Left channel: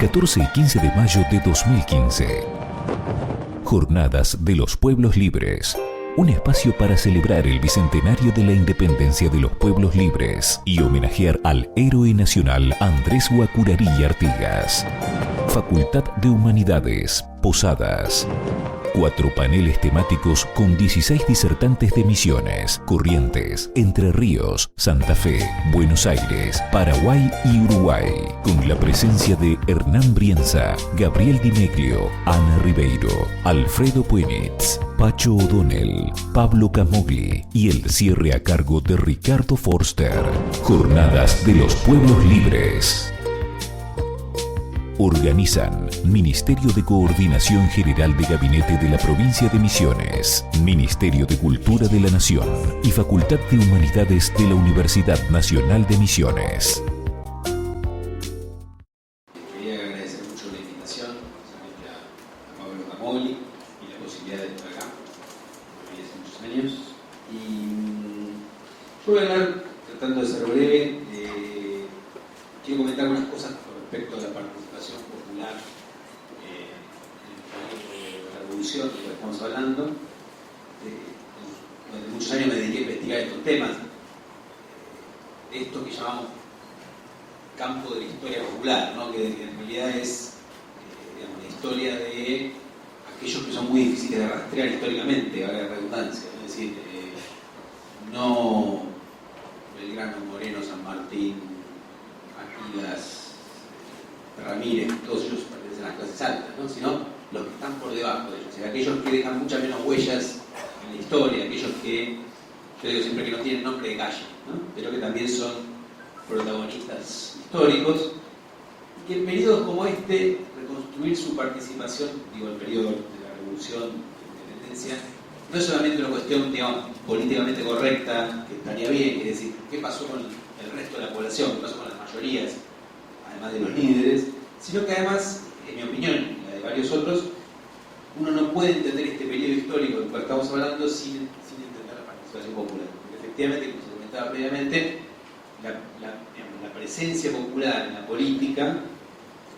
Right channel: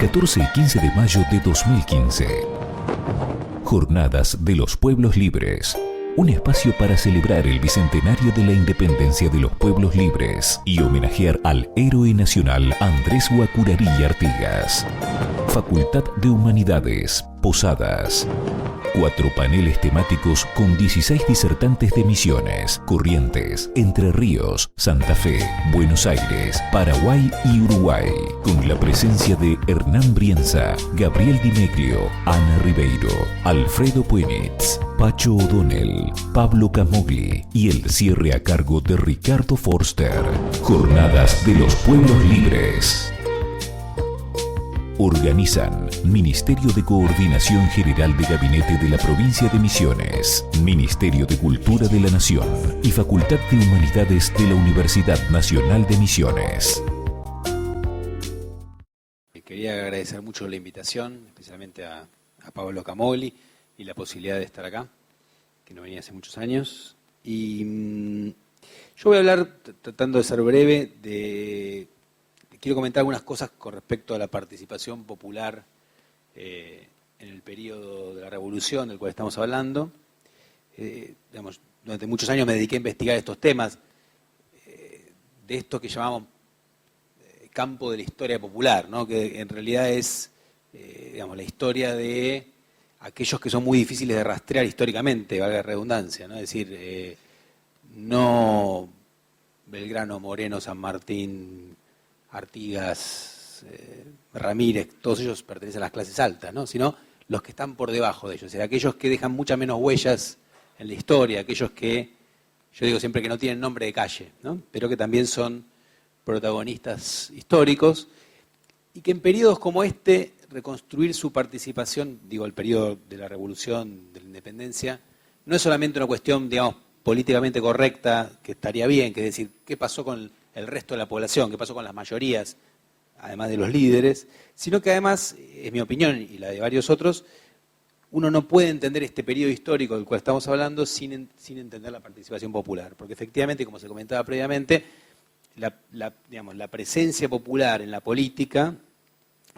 14 y 15 de mayo de 2015. Jornadas de los Pueblos Libres. Un espacio para celebrar el bicentenario de la independencia de los pueblos libres y homenajear al héroe nacional Andrés Guacurarí Artigas. Facultad de Humanidades, Posadas. 4 paneles temáticos con 16 disertantes de Misiones, Corrientes, Entre Ríos, Santa Fe, Buenos Aires, Paraguay y Uruguay, con la presencia de Hernán Brienza, Gabriel Di Meglio, Ana Ribeiro, Alfredo Puenitz, Pacho O'Donnell, Pablo Camogli y el cierre a cargo de Ricardo Forster. Jornadas de los Pueblos Libres. Organizan Ministerio de Coordinación General de Gabinete de la Provincia de Misiones, Ministerio de Cultura de la Nación y Facultad de Humanidades de la Universidad Nacional de Misiones. Quería agradecer mucho la invitación, especialmente a Pablo Camogli y la posibilidad de estar acá, que no venía hace muchos años. Y yo voy a hablar, tratando de ser breve, quiero comentar algunas cosas con respecto a la participación popular en el periodo de la revolución del cual estamos hablando. Durante muchos años me dediqué a investigar estos temas, de esto que llamamos campo de la historia popular, ¿no? Que en realidad es la historia de aquellos que son muy difíciles de rastrear históricamente, valga la redundancia, ¿no? Es decir, no Belgrano, Moreno, San Martín, Artigas, Ramírez, todos ellos pertenecen a las clases altas, ¿no? Sino los que están por debajo de ellos, o sea, aquellos que dejan muchas menos huellas en la historia, aquellos que, yo digo siempre que no tienen nombre de calle, ¿no? Pero que también son protagonistas históricos, y que en periodos como este, reconstruir su participación, digo, el periodo de la Revolución, de la Independencia, no es solamente una cuestión, digamos, políticamente correcta, que estaría bien, que es decir, qué pasó con el resto de la población, qué pasó con las mayorías, además de los líderes, sino que además, en mi opinión y la de varios otros, uno no puede entender este periodo histórico del cual estamos hablando sin entender la participación popular, porque efectivamente, como se comentaba previamente, la presencia popular en la política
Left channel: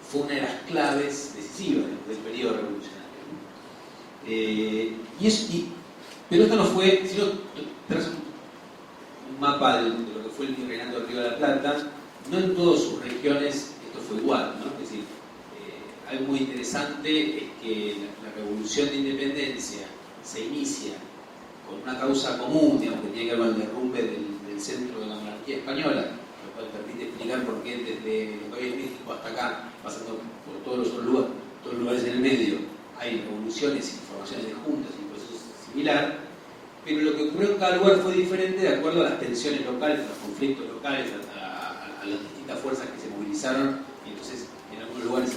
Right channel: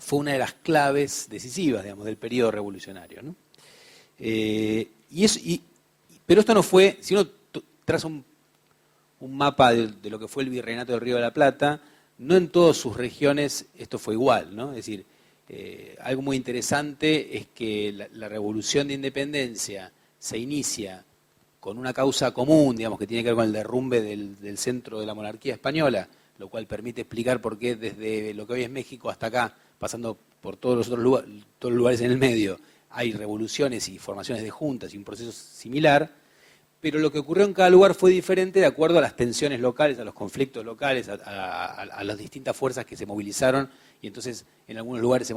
fue una de las claves decisivas, digamos, del periodo revolucionario, ¿no? Pero esto no fue, si uno traza un mapa de lo que fue el Virreinato del Río de la Plata, no en todas sus regiones esto fue igual, ¿no? Es decir, algo muy interesante es que la revolución de independencia se inicia con una causa común, digamos, que tiene que ver con el derrumbe del centro de la monarquía española, lo cual permite explicar por qué desde lo que hoy es México hasta acá, pasando por todos los otros lugares en el medio, hay revoluciones y formaciones de juntas y un proceso similar. Pero lo que ocurrió en cada lugar fue diferente de acuerdo a las tensiones locales, a los conflictos locales, a las distintas fuerzas que se movilizaron. Y entonces, en algunos lugares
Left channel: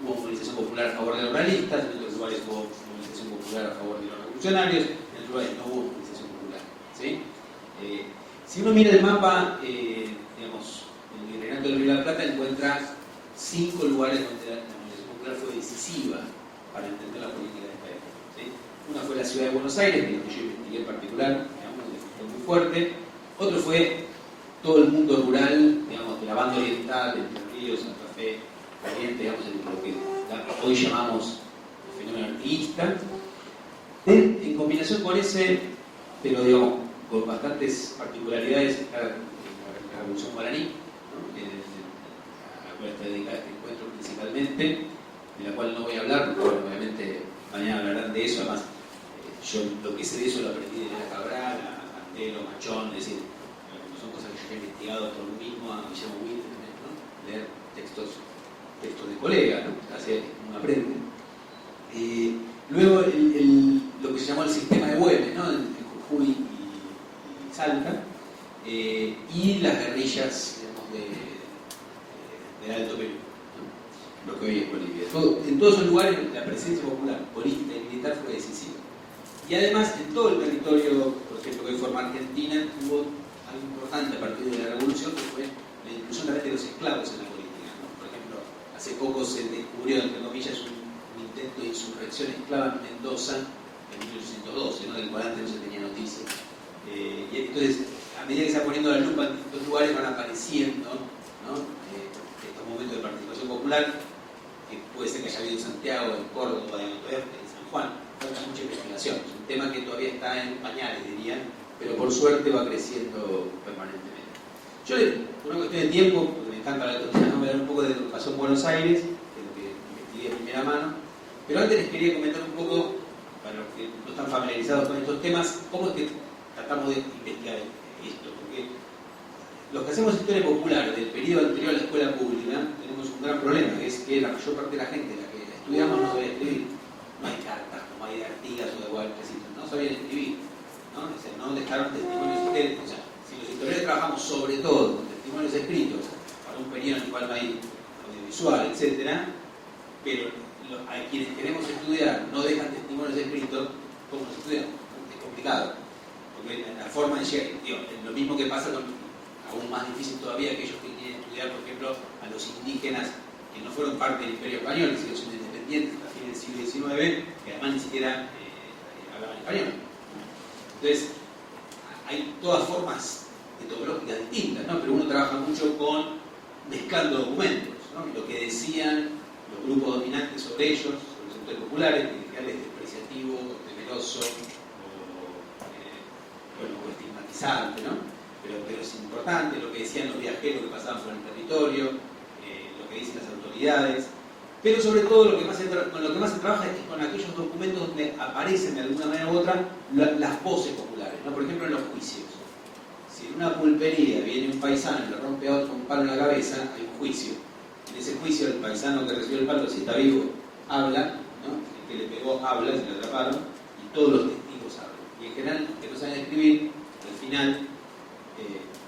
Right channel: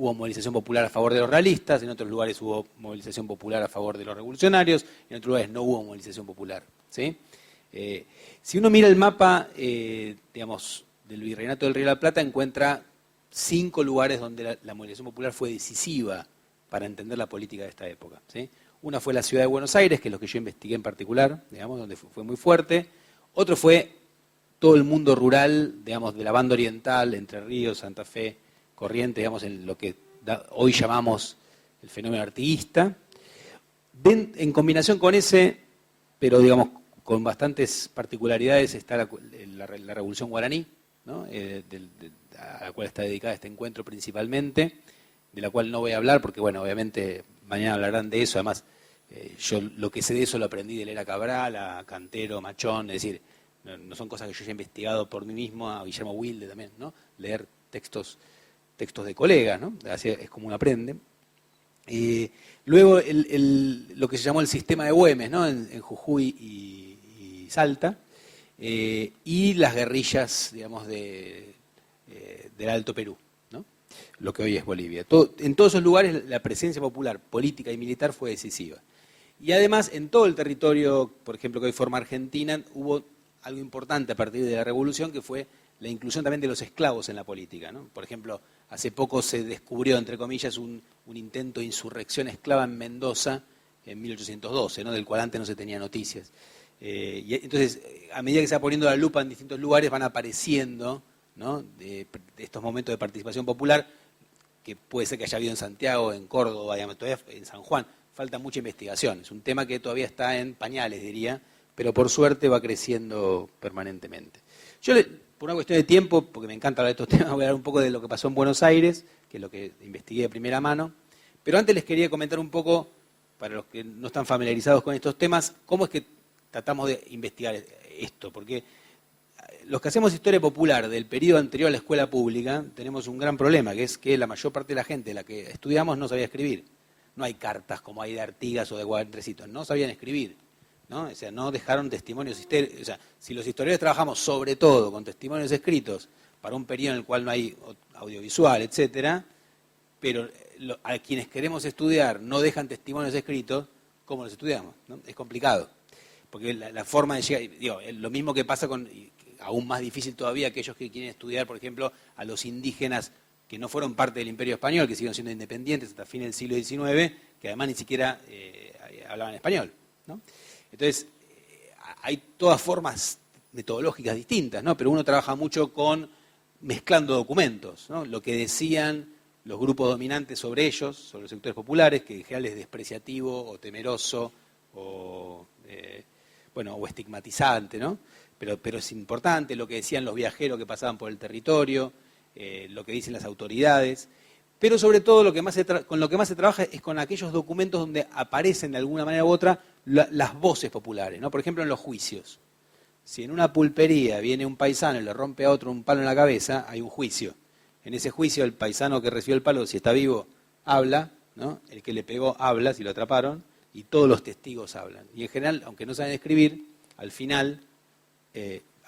hubo movilización popular a favor de los realistas, en otros lugares hubo movilización popular a favor de los revolucionarios, en otros lugares no hubo movilización popular, ¿sí? Si uno mira el mapa, del Virreinato del Río de la Plata, encuentra 5 lugares donde la movilización popular fue decisiva para entender la política de esta época, ¿sí? Una fue la ciudad de Buenos Aires, que es lo que yo investigué en particular, digamos, donde fue muy fuerte. Otro fue todo el mundo rural, digamos, de la banda oriental, Entre Ríos, Santa Fe, Corrientes, digamos, en lo que hoy llamamos el fenómeno artiguista. En combinación con ese, pero digamos, con bastantes particularidades, está la Revolución Guaraní, ¿no? A la cual está dedicada este encuentro principalmente, de la cual no voy a hablar, porque, bueno, obviamente mañana hablarán de eso. Además, yo lo que sé de eso lo aprendí de Elena Cabral, a Cantero, Machón, es decir, no son cosas que yo he investigado por mí mismo, a Guillermo Wilde también, ¿no? Leer textos de colegas, ¿no? Es como uno aprende. Luego lo que se llamó el sistema de Güemes, ¿no? En Jujuy y Salta, y las guerrillas, digamos, del Alto Perú, ¿no? Lo que hoy es Bolivia. En todos esos lugares la presencia popular, política y militar fue decisiva. Y además, en todo el territorio, por ejemplo, que hoy forma Argentina, hubo algo importante a partir de la Revolución, que fue la inclusión también de los esclavos en la política, ¿no? Por ejemplo, hace poco se descubrió, entre comillas, un intento de insurrección esclava en Mendoza en 1812, ¿no? Del cual antes no se tenía noticias. Y entonces, a medida que se va poniendo la lupa en distintos lugares, van apareciendo, ¿no? estos momentos de participación popular, que puede ser que haya habido en Santiago, en Córdoba, en San Juan. Falta mucha investigación, es un tema que todavía está en pañales, diría, pero por suerte va creciendo permanentemente. Yo, por una cuestión de tiempo, porque me encanta hablar de estos temas, voy a hablar un poco de lo que pasó en Buenos Aires, que es lo que investigué de primera mano, pero antes les quería comentar un poco, para los que no están familiarizados con estos temas, cómo es que tratamos de investigar esto, porque los que hacemos historia popular del periodo anterior a la escuela pública tenemos un gran problema, que es que la mayor parte de la gente de la que estudiamos no sabía escribir. No hay cartas como hay de Artigas o de Guadaltrecitos, no sabían escribir, ¿no? O sea, no dejaron testimonios. O sea, si los historiadores trabajamos sobre todo con testimonios escritos para un periodo en el cual no hay audiovisual, etcétera, pero a quienes queremos estudiar no dejan testimonios escritos, ¿cómo los estudiamos? ¿No? Es complicado, porque la forma de llegar, digo, lo mismo que pasa con, aún más difícil todavía, aquellos que quieren estudiar, por ejemplo, a los indígenas que no fueron parte del Imperio Español, que siguieron siendo independientes hasta fin del siglo XIX, que además ni siquiera hablaban español, ¿no? Entonces, hay todas formas metodológicas distintas, ¿no? Pero uno trabaja mucho con mezclando documentos, ¿no? Lo que decían los grupos dominantes sobre ellos, sobre los sectores populares, que en general es despreciativo o temeroso o estigmatizante, ¿no? Pero es importante lo que decían los viajeros que pasaban por el territorio, lo que dicen las autoridades, pero sobre todo con lo que más se trabaja es con aquellos documentos donde aparecen de alguna manera u otra las voces populares, ¿no? Por ejemplo, en los juicios. Si en una pulpería viene un paisano y le rompe a otro un palo en la cabeza, hay un juicio. En ese juicio el paisano que recibió el palo, si está vivo, habla, ¿no? El que le pegó habla, si lo atraparon, y todos los testigos hablan. Y en general, aunque no saben escribir, al final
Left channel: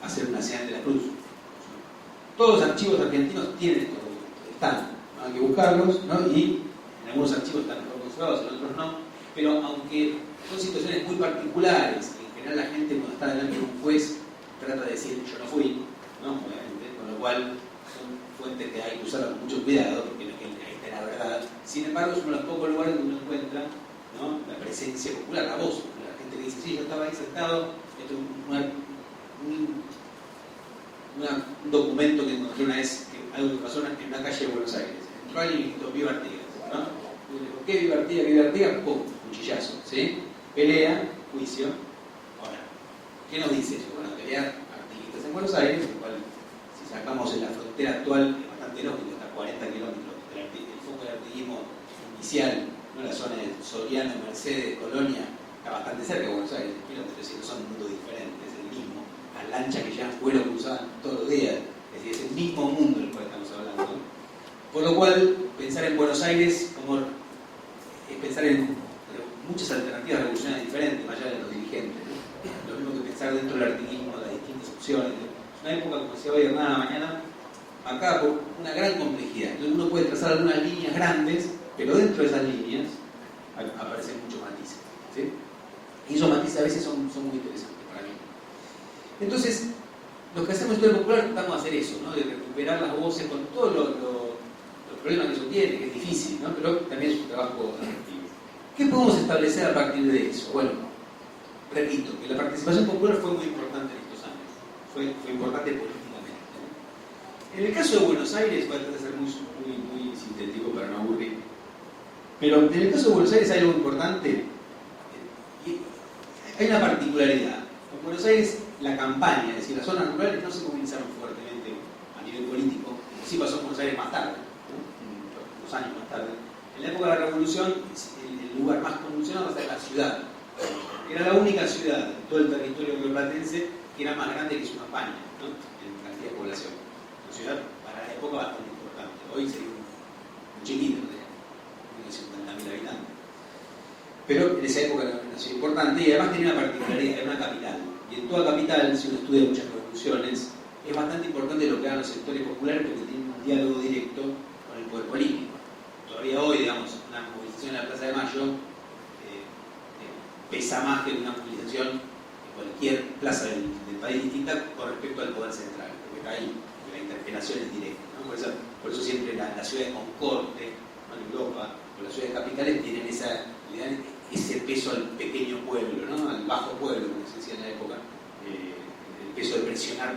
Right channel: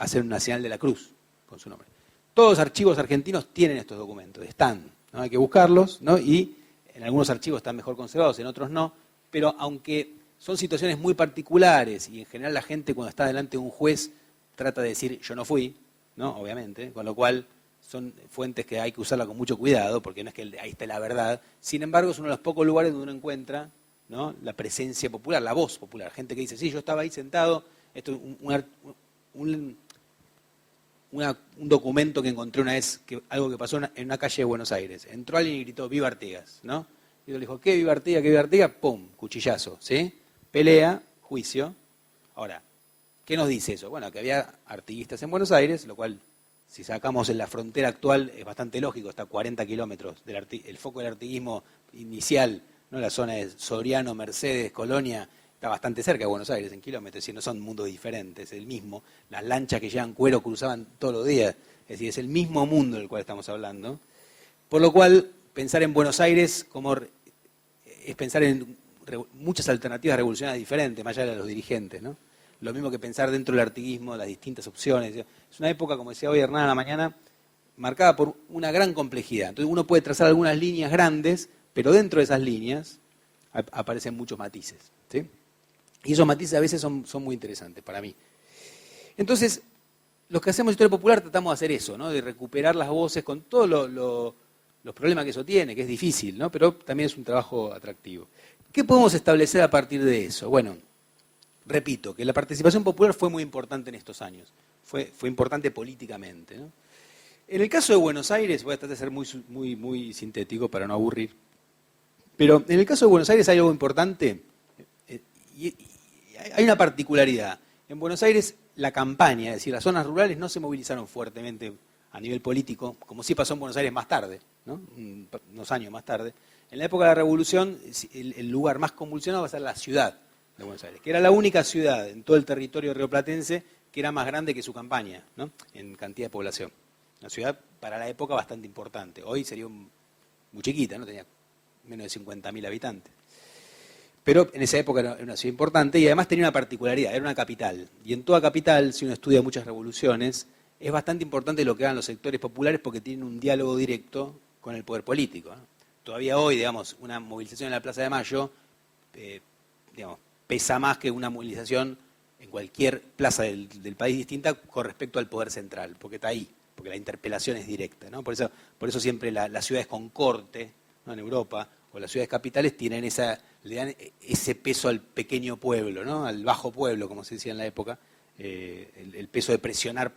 hacen una señal de la cruz con su nombre. Todos los archivos argentinos tienen estos documentos, están, ¿no? Hay que buscarlos, ¿no? Y en algunos archivos están mejor conservados, en otros no, pero aunque son situaciones muy particulares y en general la gente cuando está delante de un juez trata de decir yo no fui, ¿no? Obviamente, con lo cual son fuentes que hay que usarlas con mucho cuidado porque no es que ahí está la verdad. Sin embargo, es uno de los pocos lugares donde uno encuentra, ¿no? La presencia popular, la voz popular, gente que dice sí, yo estaba ahí sentado, esto es un documento que encontré una vez, algo que pasó en una calle de Buenos Aires. Entró alguien y gritó, ¡viva Artigas! ¿No? Y yo le dijo, ¿qué viva Artigas? ¿Qué viva Artigas? ¡Pum! Cuchillazo, ¿sí? Pelea, juicio. Ahora, ¿qué nos dice eso? Bueno, que había artiguistas en Buenos Aires, lo cual, si sacamos en la frontera actual, es bastante lógico, está a 40 kilómetros el foco del artiguismo inicial, ¿no? La zona de Soriano, Mercedes, Colonia, está bastante cerca de Buenos Aires, en kilómetros, es decir, no son un mundo diferente, es el mismo. Las lanchas que llevan cuero cruzaban todos los días, es decir, es el mismo mundo del cual estamos hablando, ¿no? Por lo cual, pensar en Buenos Aires es pensar en muchas alternativas revolucionarias diferentes, más allá de los dirigentes, ¿no? Lo mismo que pensar dentro del artiguismo, las distintas opciones. Es una época, como decía hoy Hernán a la mañana, marcada por una gran complejidad. Entonces uno puede trazar algunas líneas grandes, pero dentro de esas líneas aparecen muchos matices, ¿sí? Y esos matices a veces son muy interesantes para mí. Entonces, los que hacemos historia popular tratamos de hacer eso, ¿no? De recuperar las voces con todos los problemas que eso tiene, que es difícil, ¿no? Pero también es un trabajo atractivo. ¿Qué podemos establecer a partir de eso? Bueno, repito, que la participación popular fue muy importante en estos años, fue importante políticamente, ¿no? En el caso de Buenos Aires, voy a tratar de ser muy sintético para no aburrir, pero en el caso de Buenos Aires hay algo importante, y hay una particularidad. En Buenos Aires la campaña, es decir, las zonas rurales no se movilizaron fuertemente a nivel político, como sí pasó en Buenos Aires más tarde, ¿no? Unos años más tarde. En la época de la Revolución, el lugar más convulsionado era la ciudad, que era la única ciudad en todo el territorio rioplatense que era más grande que su campaña, ¿no? En cantidad de población. Una ciudad para la época bastante importante. Hoy sería muy chiquita, ¿no? Tenía menos de 50.000 habitantes. Pero en esa época era una ciudad importante y además tenía una particularidad, era una capital. Y en toda capital, si uno estudia muchas revoluciones, es bastante importante lo que hagan los sectores populares porque tienen un diálogo directo con el poder político. Todavía hoy, digamos, una movilización en la Plaza de Mayo pesa más que una movilización en cualquier plaza del país distinta con respecto al poder central, porque está ahí, porque la interpelación es directa, ¿no? Por eso siempre las ciudades con corte, ¿no? En Europa, o las ciudades capitales le dan ese peso al pequeño pueblo, ¿no? Al bajo pueblo, como se decía en la época, el peso de presionar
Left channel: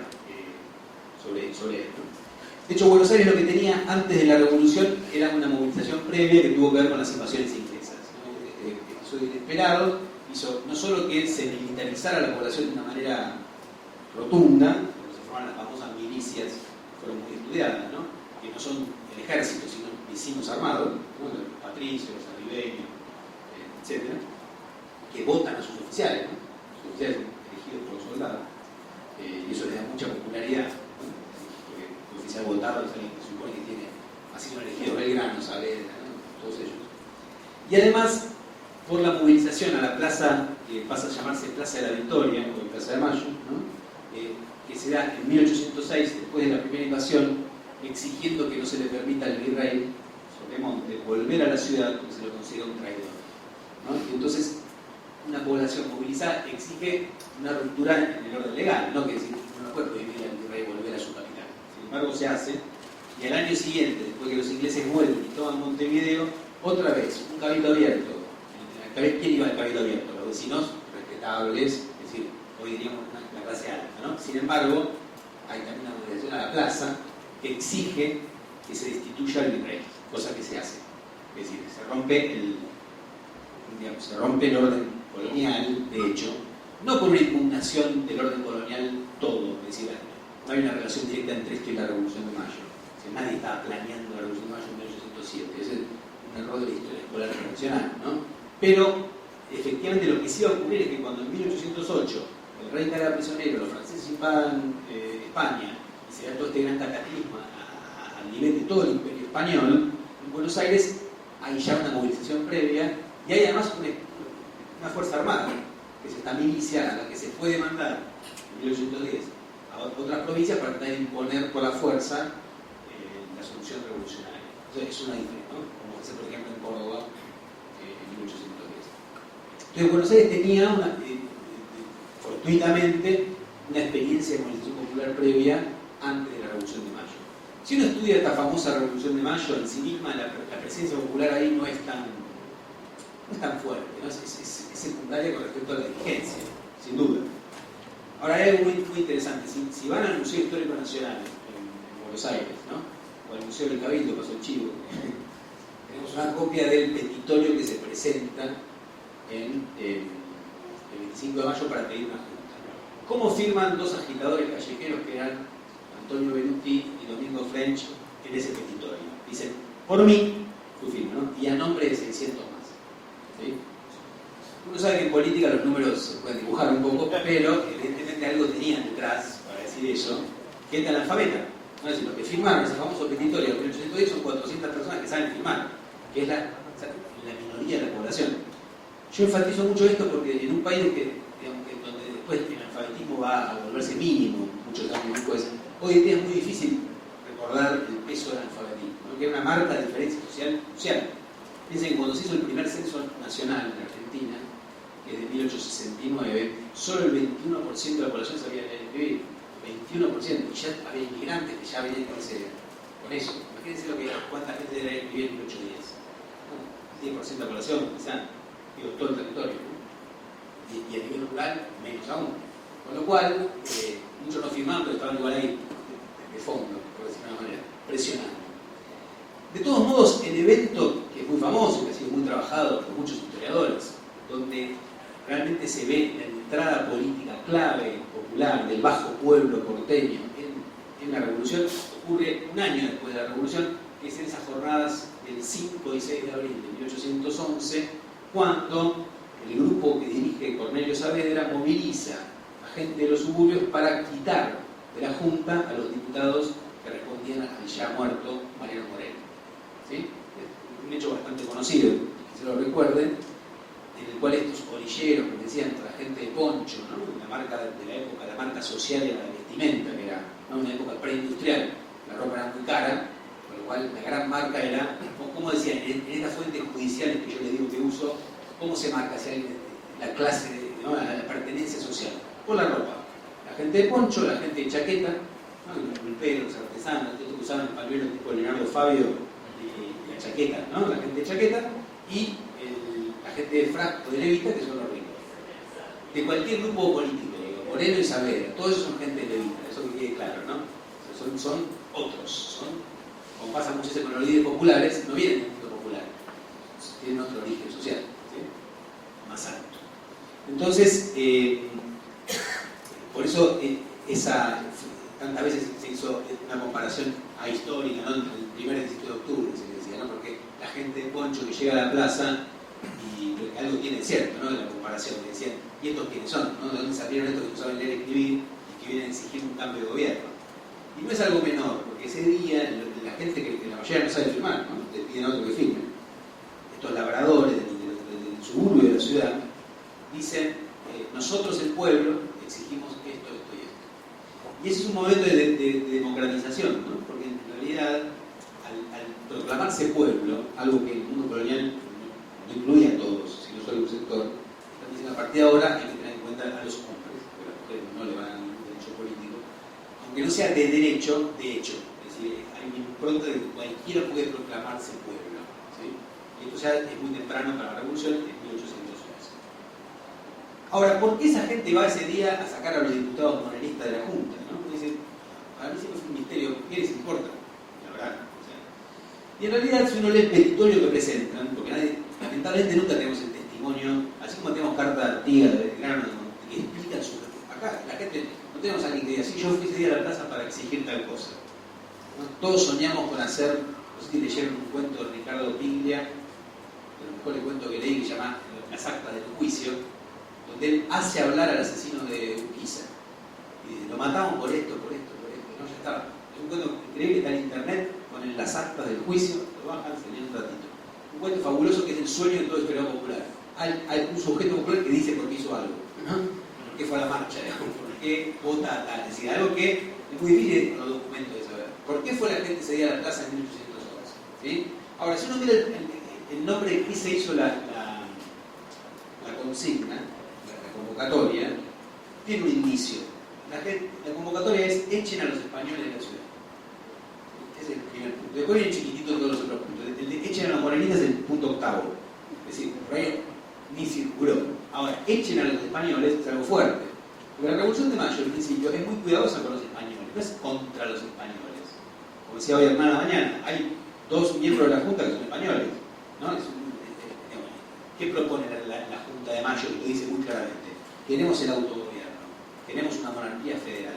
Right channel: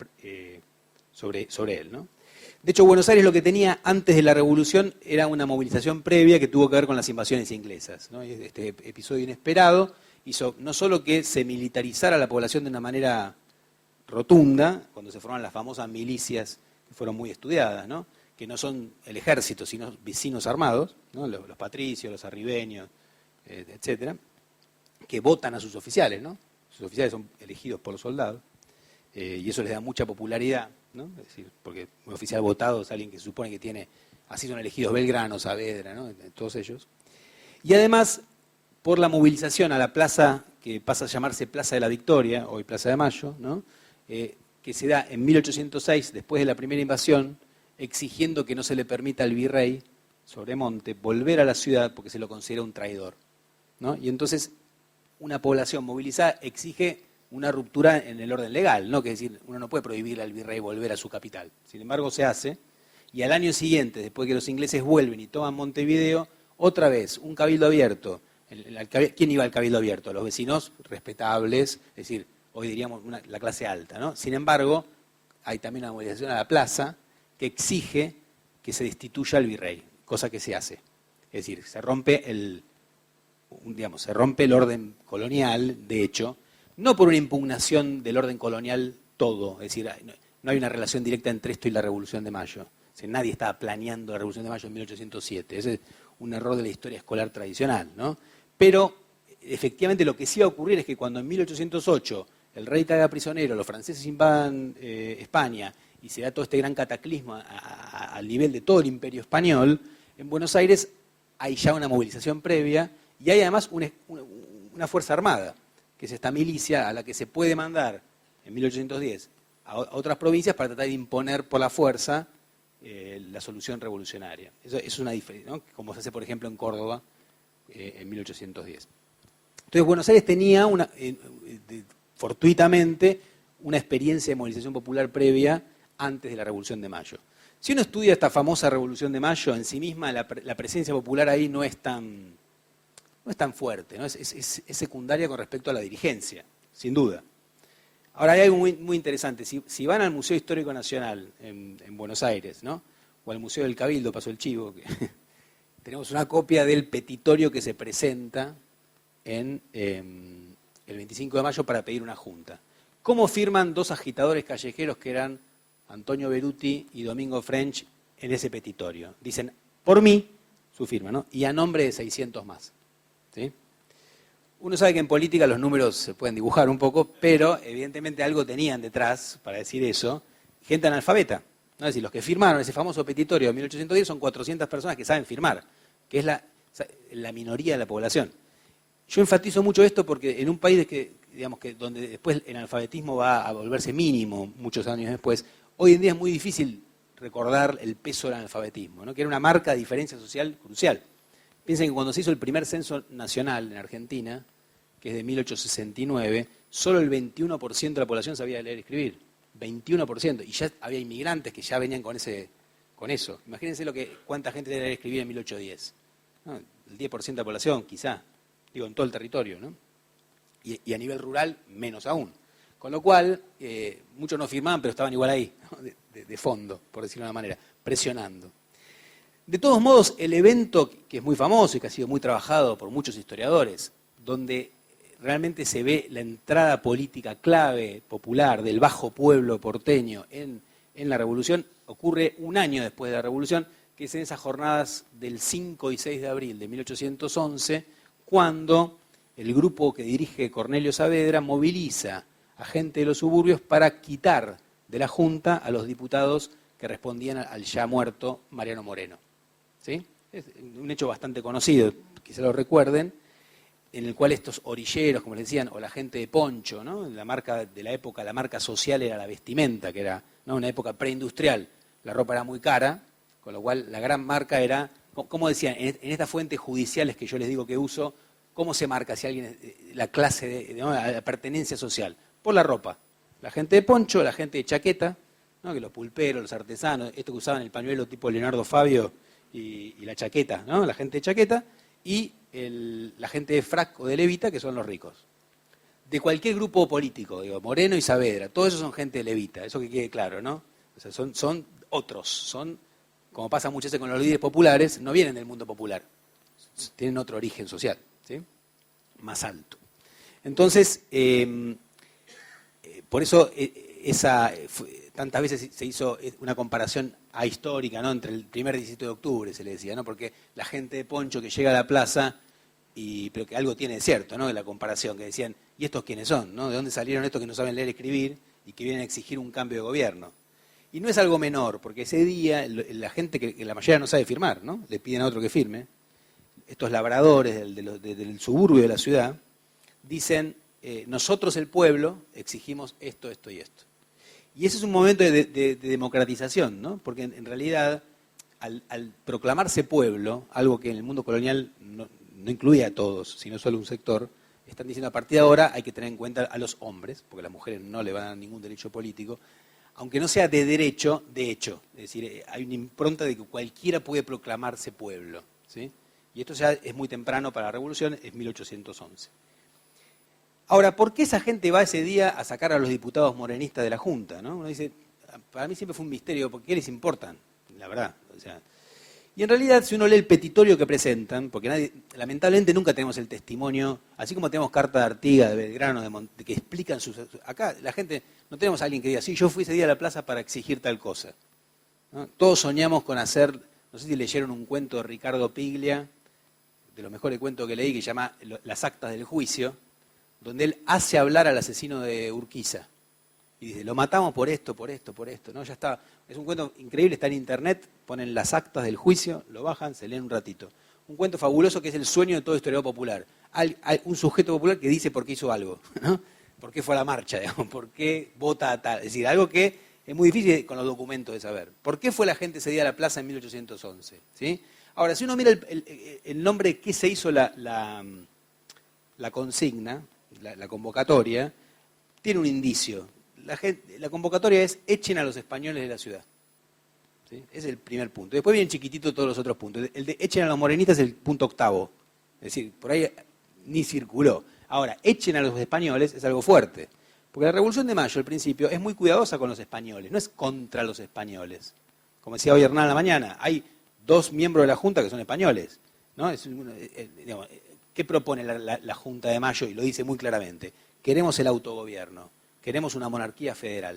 sobre él, ¿no? De hecho, Buenos Aires lo que tenía antes de la revolución era una movilización previa que tuvo que ver con las invasiones inglesas, ¿no? Este episodio inesperado hizo no solo que se militarizara la población de una manera rotunda, cuando se forman las famosas milicias, que fueron muy estudiadas, ¿no? Que no son el ejército, sino vecinos armados, ¿no? Los patricios, los arribeños, etc., que votan a sus oficiales, ¿no? Sus oficiales son elegidos por los soldados, y eso les da mucha popularidad, ¿no? Sí, porque un oficial votado es alguien que se supone que tiene, así son elegidos Belgrano, Saavedra, ¿no? Todos ellos. Y además, por la movilización a la plaza, que pasa a llamarse Plaza de la Victoria, hoy Plaza de Mayo, ¿no? Que se da en 1806, después de la primera invasión, exigiendo que no se le permita al virrey Sobremonte volver a la ciudad porque se lo considera un traidor, ¿no? Y entonces una población movilizada exige una ruptura en el orden legal, ¿no? Que decir, uno no puede prohibir al virrey volver a su capital. Sin embargo, se hace, y al año siguiente, después que los ingleses vuelven y toman Montevideo, otra vez, un cabildo abierto. ¿Quién iba al cabildo abierto? Los vecinos respetables, es decir, hoy diríamos la clase alta, ¿no? Sin embargo, hay también una movilización a la plaza que exige que se destituya al virrey, cosa que se hace. Es decir, se rompe el orden colonial, de hecho, no por una impugnación del orden colonial todo, es decir, no hay una relación directa entre esto y la Revolución de Mayo. Es decir, nadie estaba planeando la Revolución de Mayo en 1807, ese es un error de la historia escolar tradicional, ¿no? Pero, efectivamente, lo que sí va a ocurrir es que cuando en 1808 el rey caiga prisionero, los franceses invadan España, y se da todo este gran cataclismo al nivel de todo el imperio español, en Buenos Aires hay ya una movilización previa y hay además una fuerza armada, que es esta milicia a la que se puede mandar en 1810 a otras provincias para tratar de imponer por la fuerza la solución revolucionaria. Entonces, es una diferencia, ¿no? Como se hace, por ejemplo, en Córdoba en 1810. Entonces, Buenos Aires tenía fortuitamente una experiencia de movilización popular previa antes de la Revolución de Mayo. Si uno estudia esta famosa Revolución de Mayo, en sí misma la presencia popular ahí no es tan fuerte, ¿no? Es secundaria con respecto a la dirigencia, sin duda. Ahora hay algo muy, muy interesante. Si van al Museo Histórico Nacional en Buenos Aires, ¿no? O al Museo del Cabildo, pasó el chivo, tenemos una copia del petitorio que se presenta el 25 de mayo para pedir una junta. ¿Cómo firman dos agitadores callejeros que eran Antonio Beruti y Domingo French en ese petitorio? Dicen, por mí, su firma, ¿no? Y a nombre de 600 más. ¿Sí? Uno sabe que en política los números se pueden dibujar un poco, pero evidentemente algo tenían detrás para decir eso. Gente analfabeta. ¿No? Es decir, los que firmaron ese famoso petitorio de 1810 son 400 personas que saben firmar, que es la minoría de la población. Yo enfatizo mucho esto porque en un país donde después el analfabetismo va a volverse mínimo muchos años después, hoy en día es muy difícil recordar el peso del analfabetismo, ¿no? Que era una marca de diferencia social crucial. Piensen que cuando se hizo el primer censo nacional en Argentina, que es de 1869, solo el 21% de la población sabía leer y escribir. 21%. Y ya había inmigrantes que ya venían con eso. Imagínense cuánta gente debe leer y escribir en 1810. ¿No? El 10% de la población, quizá. Digo, en todo el territorio, ¿no? Y a nivel rural, menos aún. Con lo cual, muchos no firmaban, pero estaban igual ahí, de fondo, por decirlo de una manera, presionando. De todos modos, el evento, que es muy famoso y que ha sido muy trabajado por muchos historiadores, donde realmente se ve la entrada política clave, popular, del bajo pueblo porteño en la Revolución, ocurre un año después de la Revolución, que es en esas jornadas del 5 y 6 de abril de 1811, cuando el grupo que dirige Cornelio Saavedra moviliza a gente de los suburbios para quitar de la Junta a los diputados que respondían al ya muerto Mariano Moreno. ¿Sí? Es un hecho bastante conocido, quizá lo recuerden, en el cual estos orilleros, como decían, o la gente de poncho, ¿no? La marca de la época, la marca social era la vestimenta, que era, ¿no?, una época preindustrial, la ropa era muy cara, con lo cual la gran marca era, como decían, en estas fuentes judiciales que yo les digo que uso, ¿cómo se marca si alguien, la clase, ¿no?, la pertenencia social? Por la ropa. La gente de poncho, la gente de chaqueta, ¿no?, que los pulperos, los artesanos, estos que usaban el pañuelo tipo Leonardo Fabio y la chaqueta, ¿no? La gente de chaqueta y la gente de frac o de levita, que son los ricos. De cualquier grupo político, digo, Moreno y Saavedra, todos esos son gente de levita, eso que quede claro, ¿no? O sea, son otros, son, como pasa muchas veces con los líderes populares, no vienen del mundo popular, tienen otro origen social, ¿sí? Más alto. Entonces, por eso tantas veces se hizo una comparación ahistórica, ¿no? Entre el primer 17 de octubre, se le decía, ¿no? Porque la gente de poncho que llega a la plaza, pero que algo tiene de cierto, ¿no? En la comparación, que decían, ¿y estos quiénes son? ¿No? ¿De dónde salieron estos que no saben leer y escribir y que vienen a exigir un cambio de gobierno? Y no es algo menor, porque ese día la gente que la mayoría no sabe firmar, ¿no? Le piden a otro que firme. Estos labradores del suburbio de la ciudad dicen, nosotros el pueblo exigimos esto, esto y esto. Y ese es un momento de democratización, ¿no? Porque en realidad, al proclamarse pueblo, algo que el mundo colonial no incluye a todos, sino solo a un sector, están diciendo a partir de ahora hay que tener en cuenta a los hombres, porque a las mujeres no le van a dar ningún derecho político, aunque no sea de derecho, de hecho. Es decir, hay una impronta de que cualquiera puede proclamarse pueblo, ¿sí? Y esto ya es muy temprano para la revolución, es 1811. Ahora, ¿por qué esa gente va ese día a sacar a los diputados morenistas de la Junta? ¿No? Uno dice, para mí siempre fue un misterio, ¿por qué les importa? La verdad. O sea, y en realidad, si uno lee el petitorio que presentan, porque lamentablemente nunca tenemos el testimonio, así como tenemos carta de Artigas, de Belgrano, de que explican sus... Acá la gente, no tenemos a alguien que diga, sí, yo fui ese día a la plaza para exigir tal cosa. ¿No? Todos soñamos con hacer, no sé si leyeron un cuento de Ricardo Piglia, de los mejores cuentos que leí, que se llama Las actas del juicio, donde él hace hablar al asesino de Urquiza. Y dice, lo matamos por esto, por esto, por esto. ¿No? Ya está. Es un cuento increíble, está en internet, ponen las actas del juicio, lo bajan, se leen un ratito. Un cuento fabuloso que es el sueño de todo historiador popular. Hay un sujeto popular que dice por qué hizo algo, ¿no? Por qué fue a la marcha, digamos, por qué vota a tal. Es decir, algo que es muy difícil con los documentos de saber. ¿Por qué fue la gente ese día a la plaza en 1811? ¿Sí? Ahora, si uno mira el nombre de qué se hizo la consigna, la convocatoria, tiene un indicio. La convocatoria es echen a los españoles de la ciudad. ¿Sí? Ese es el primer punto. Después vienen chiquititos todos los otros puntos. El de echen a los morenitas es el punto octavo. Es decir, por ahí ni circuló. Ahora, echen a los españoles es algo fuerte. Porque la Revolución de Mayo, al principio, es muy cuidadosa con los españoles. No es contra los españoles. Como decía hoy Hernán a la mañana, hay 2 miembros de la Junta que son españoles. ¿No? Digamos, ¿qué propone la Junta de Mayo? Lo dice muy claramente. Queremos el autogobierno, queremos una monarquía federal,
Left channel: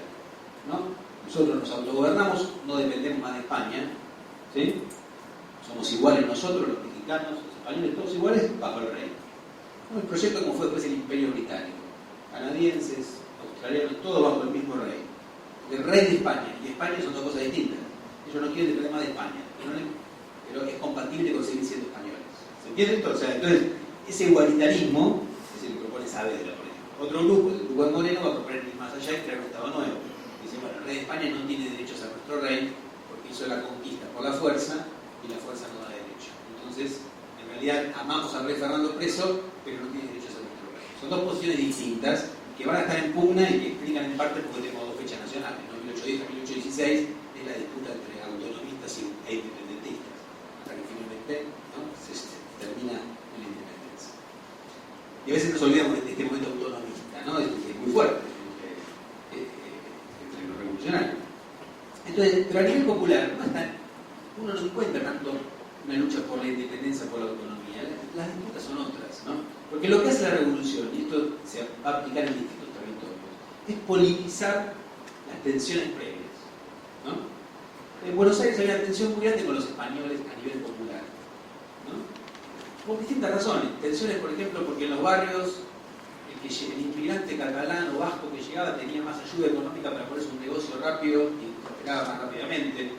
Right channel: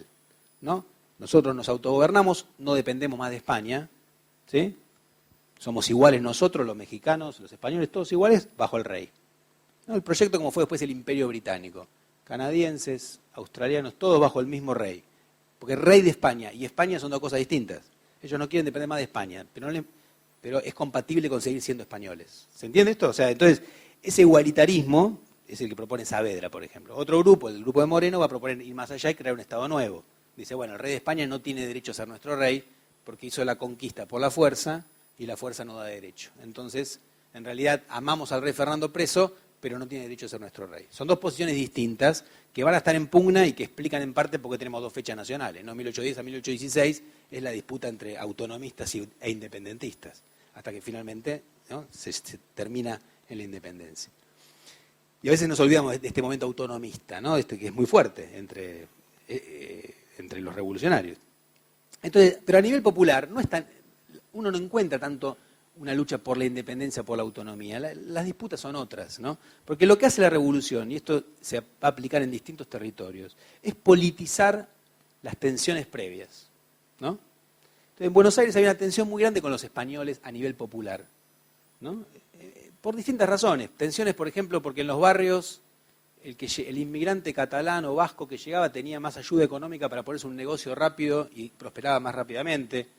¿no? Nosotros nos autogobernamos, no dependemos más de España, ¿sí? Somos iguales nosotros, los mexicanos, los españoles, todos iguales, bajo el rey. ¿No? El proyecto como fue después el Imperio Británico, canadienses, australianos, todos bajo el mismo rey. Porque el rey de España y España son 2 cosas distintas. Ellos no quieren depender más de España, pero es compatible con seguir siendo españoles. ¿Se entiende esto? O sea, entonces, ese igualitarismo es el que propone Saavedra, por ejemplo. Otro grupo, el grupo de Moreno, va a proponer ir más allá y crear un Estado nuevo. Dice, bueno, el rey de España no tiene derecho a ser nuestro rey porque hizo la conquista por la fuerza y la fuerza no da derecho. Entonces, en realidad, amamos al rey Fernando preso, pero no tiene derecho a ser nuestro rey. Son 2 posiciones distintas que van a estar en pugna y que explican en parte porque tenemos 2 fechas nacionales, ¿no? 1810 a 1816 es la disputa entre autonomistas e independentistas, hasta que finalmente, ¿no? se termina en la independencia. Y a veces nos olvidamos de este momento autonomista, ¿no? Esto que es muy fuerte entre los revolucionarios. Entonces, pero a nivel popular uno no encuentra tanto una lucha por la independencia, por la autonomía. Las disputas son otras, ¿no? Porque lo que hace la revolución, y esto se va a aplicar en distintos territorios, es politizar las tensiones previas, ¿no? En Buenos Aires había una tensión muy grande con los españoles a nivel popular, ¿no? Por distintas razones. Tensiones, por ejemplo, porque en los barrios el inmigrante catalán o vasco que llegaba tenía más ayuda económica para ponerse un negocio rápido y prosperaba más rápidamente.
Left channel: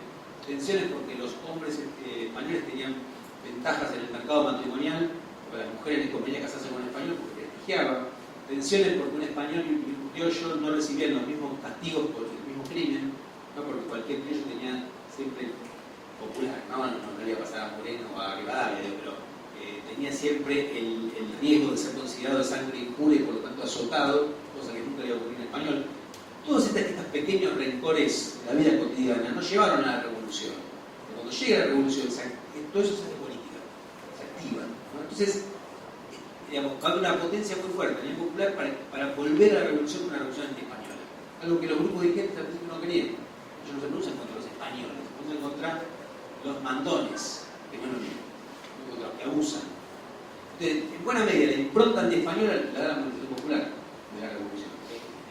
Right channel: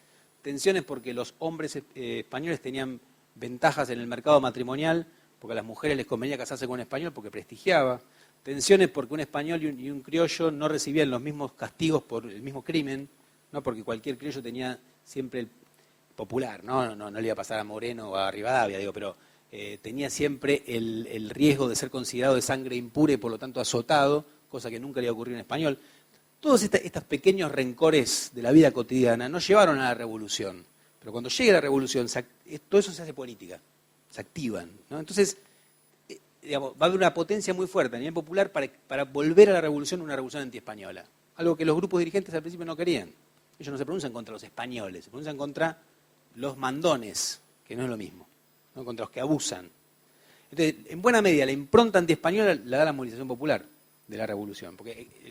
Tensiones porque los hombres españoles tenían ventajas en el mercado matrimonial, porque a las mujeres les convenía casarse con un español porque prestigiaba. Tensiones porque un español y un criollo no recibían los mismos castigos por el mismo crimen, ¿no? Porque cualquier criollo tenía siempre popular, no le iba a pasar a Moreno o a Rivadavia, digo, pero tenía siempre el riesgo de ser considerado de sangre impura y por lo tanto azotado, cosa que nunca le iba a ocurrir en español. Todos estos pequeños rencores de la vida cotidiana no llevaron a la revolución. Pero cuando llega la revolución, todo eso se hace política, se activan, ¿no? Entonces, digamos, va a haber una potencia muy fuerte a nivel popular para volver a la revolución, una revolución anti-española. Algo que los grupos dirigentes al principio no querían. ellos no se pronuncian contra los españoles, se pronuncian contra los mandones, que no es lo mismo, ¿no? Contra los que abusan. Entonces, en buena medida, la impronta antiespañola la da la movilización popular de la revolución,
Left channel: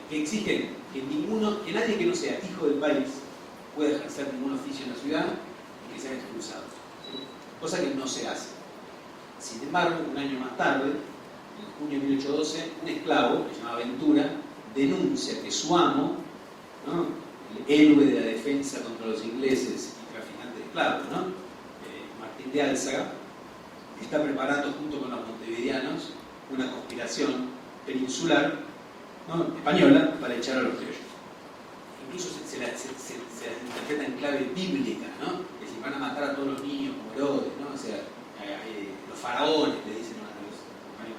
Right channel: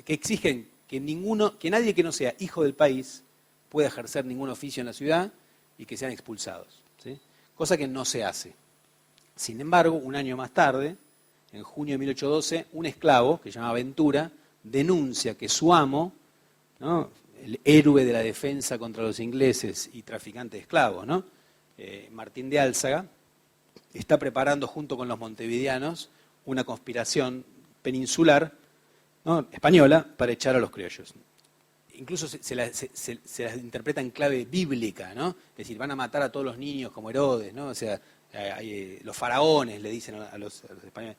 que exige que nadie que no sea hijo del país pueda ejercer ningún oficio en la ciudad y que sean expulsados, ¿sí? Cosa que no se hace. Sin embargo, un año más tarde, en junio de 1812, un esclavo, que se llamaba Ventura, denuncia que su amo, ¿no?, el héroe de la defensa contra los ingleses y traficante de esclavos, ¿no?, Martín de Álzaga, está preparando junto con los montevideanos una conspiración peninsular, ¿no?, española, para echar a los criollos. Incluso se las interpreta en clave bíblica, ¿no? Es decir, van a matar a todos los niños como Herodes, ¿no? O sea, los faraones le dicen a los españoles.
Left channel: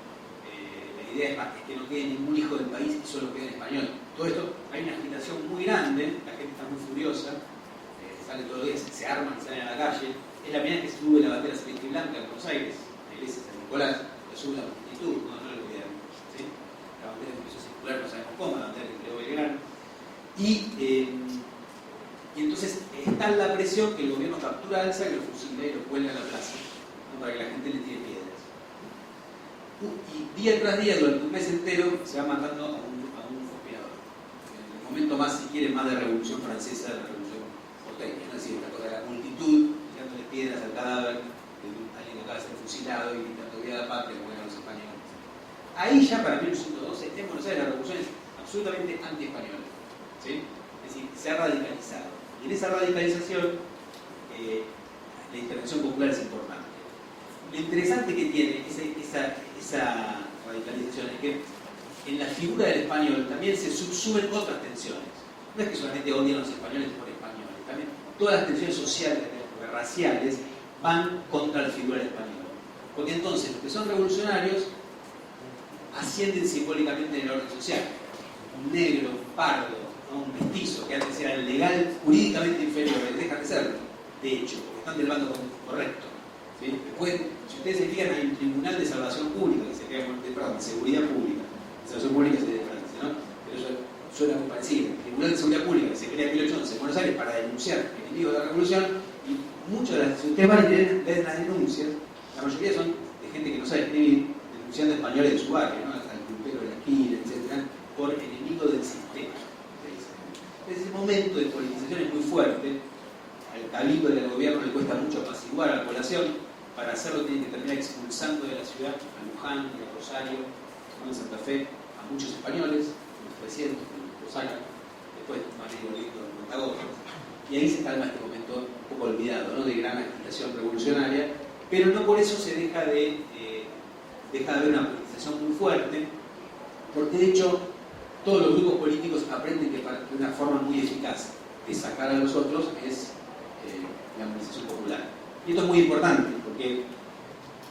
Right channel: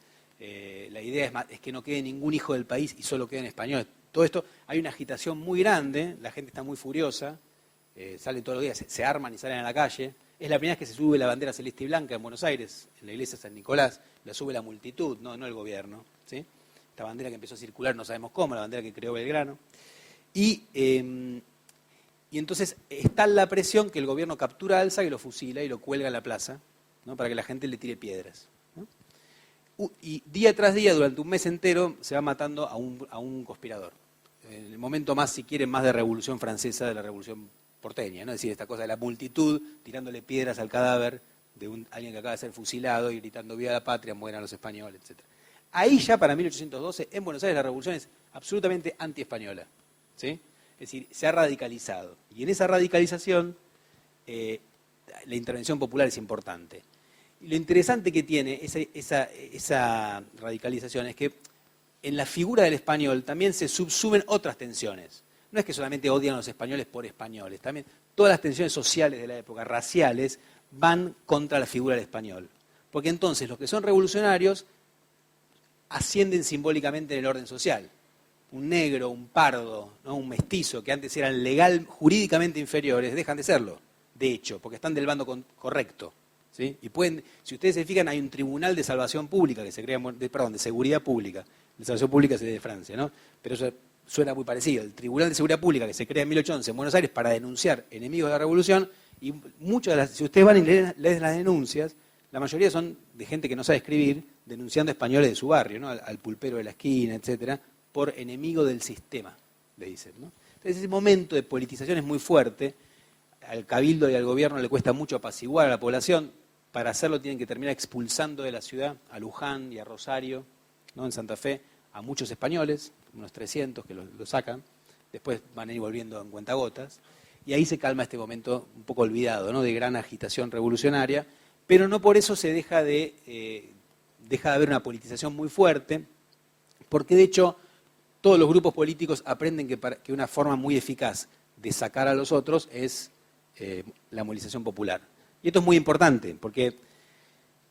La idea es que no quede ningún hijo del país y solo quede en español. Todo esto, hay una agitación muy grande, la gente está muy furiosa, salen todos los días, se arman y salen a la calle. Es la primera vez que se sube la bandera celeste y blanca en Buenos Aires, en la iglesia de San Nicolás, la sube la multitud, no el gobierno, ¿sí? La bandera que empezó a circular, no sabemos cómo, la bandera que creó Belgrano. Y entonces está la presión que el gobierno captura a Álzaga y lo fusila y lo cuelga en la plaza, ¿no?, para que la gente le tire piedras. Y día tras día, durante un mes entero, se va matando a un conspirador. En el momento más, si quieren, más de revolución francesa, de la revolución porteña, ¿no? Es decir, esta cosa de la multitud tirándole piedras al cadáver de alguien que acaba de ser fusilado y gritando viva la patria, mueran los españoles, etc. Ahí ya para 1812, en Buenos Aires, la revolución es absolutamente anti-española, ¿sí? Es decir, se ha radicalizado. Y en esa radicalización, la intervención popular es importante. Lo interesante que tiene esa radicalización es que en la figura del español también se subsumen otras tensiones. No es que solamente odian a los españoles por españoles, también todas las tensiones sociales de la época, raciales, van contra la figura del español. Porque entonces los que son revolucionarios ascienden simbólicamente en el orden social. Un negro, un pardo, ¿no?, un mestizo, que antes eran jurídicamente inferiores, dejan de serlo, de hecho, porque están del bando correcto, ¿sí? Y si ustedes se fijan, hay un tribunal de salvación pública, que se crea, de seguridad pública. La salvación pública es de Francia, ¿no? Pero eso suena muy parecido. Un tribunal de seguridad pública que se crea en 1811 en Buenos Aires para denunciar enemigos de la revolución, y muchas de las, si ustedes van y leen las denuncias, la mayoría son de gente que no sabe escribir, denunciando españoles de su barrio, ¿no?, al pulpero de la esquina, etcétera, por enemigo del sistema, le dicen, ¿no? Ese momento de politización es muy fuerte. Al cabildo y al gobierno le cuesta mucho apaciguar a la población. Para hacerlo tienen que terminar expulsando de la ciudad a Luján y a Rosario, ¿no?, en Santa Fe, a muchos españoles, unos 300 que lo sacan. Después van a ir volviendo en cuentagotas. Y ahí se calma este momento un poco olvidado, ¿no?, de gran agitación revolucionaria, pero no por eso se deja de haber una politización muy fuerte, porque de hecho todos los grupos políticos aprenden que una forma muy eficaz de sacar a los otros es la movilización popular. Y esto es muy importante, porque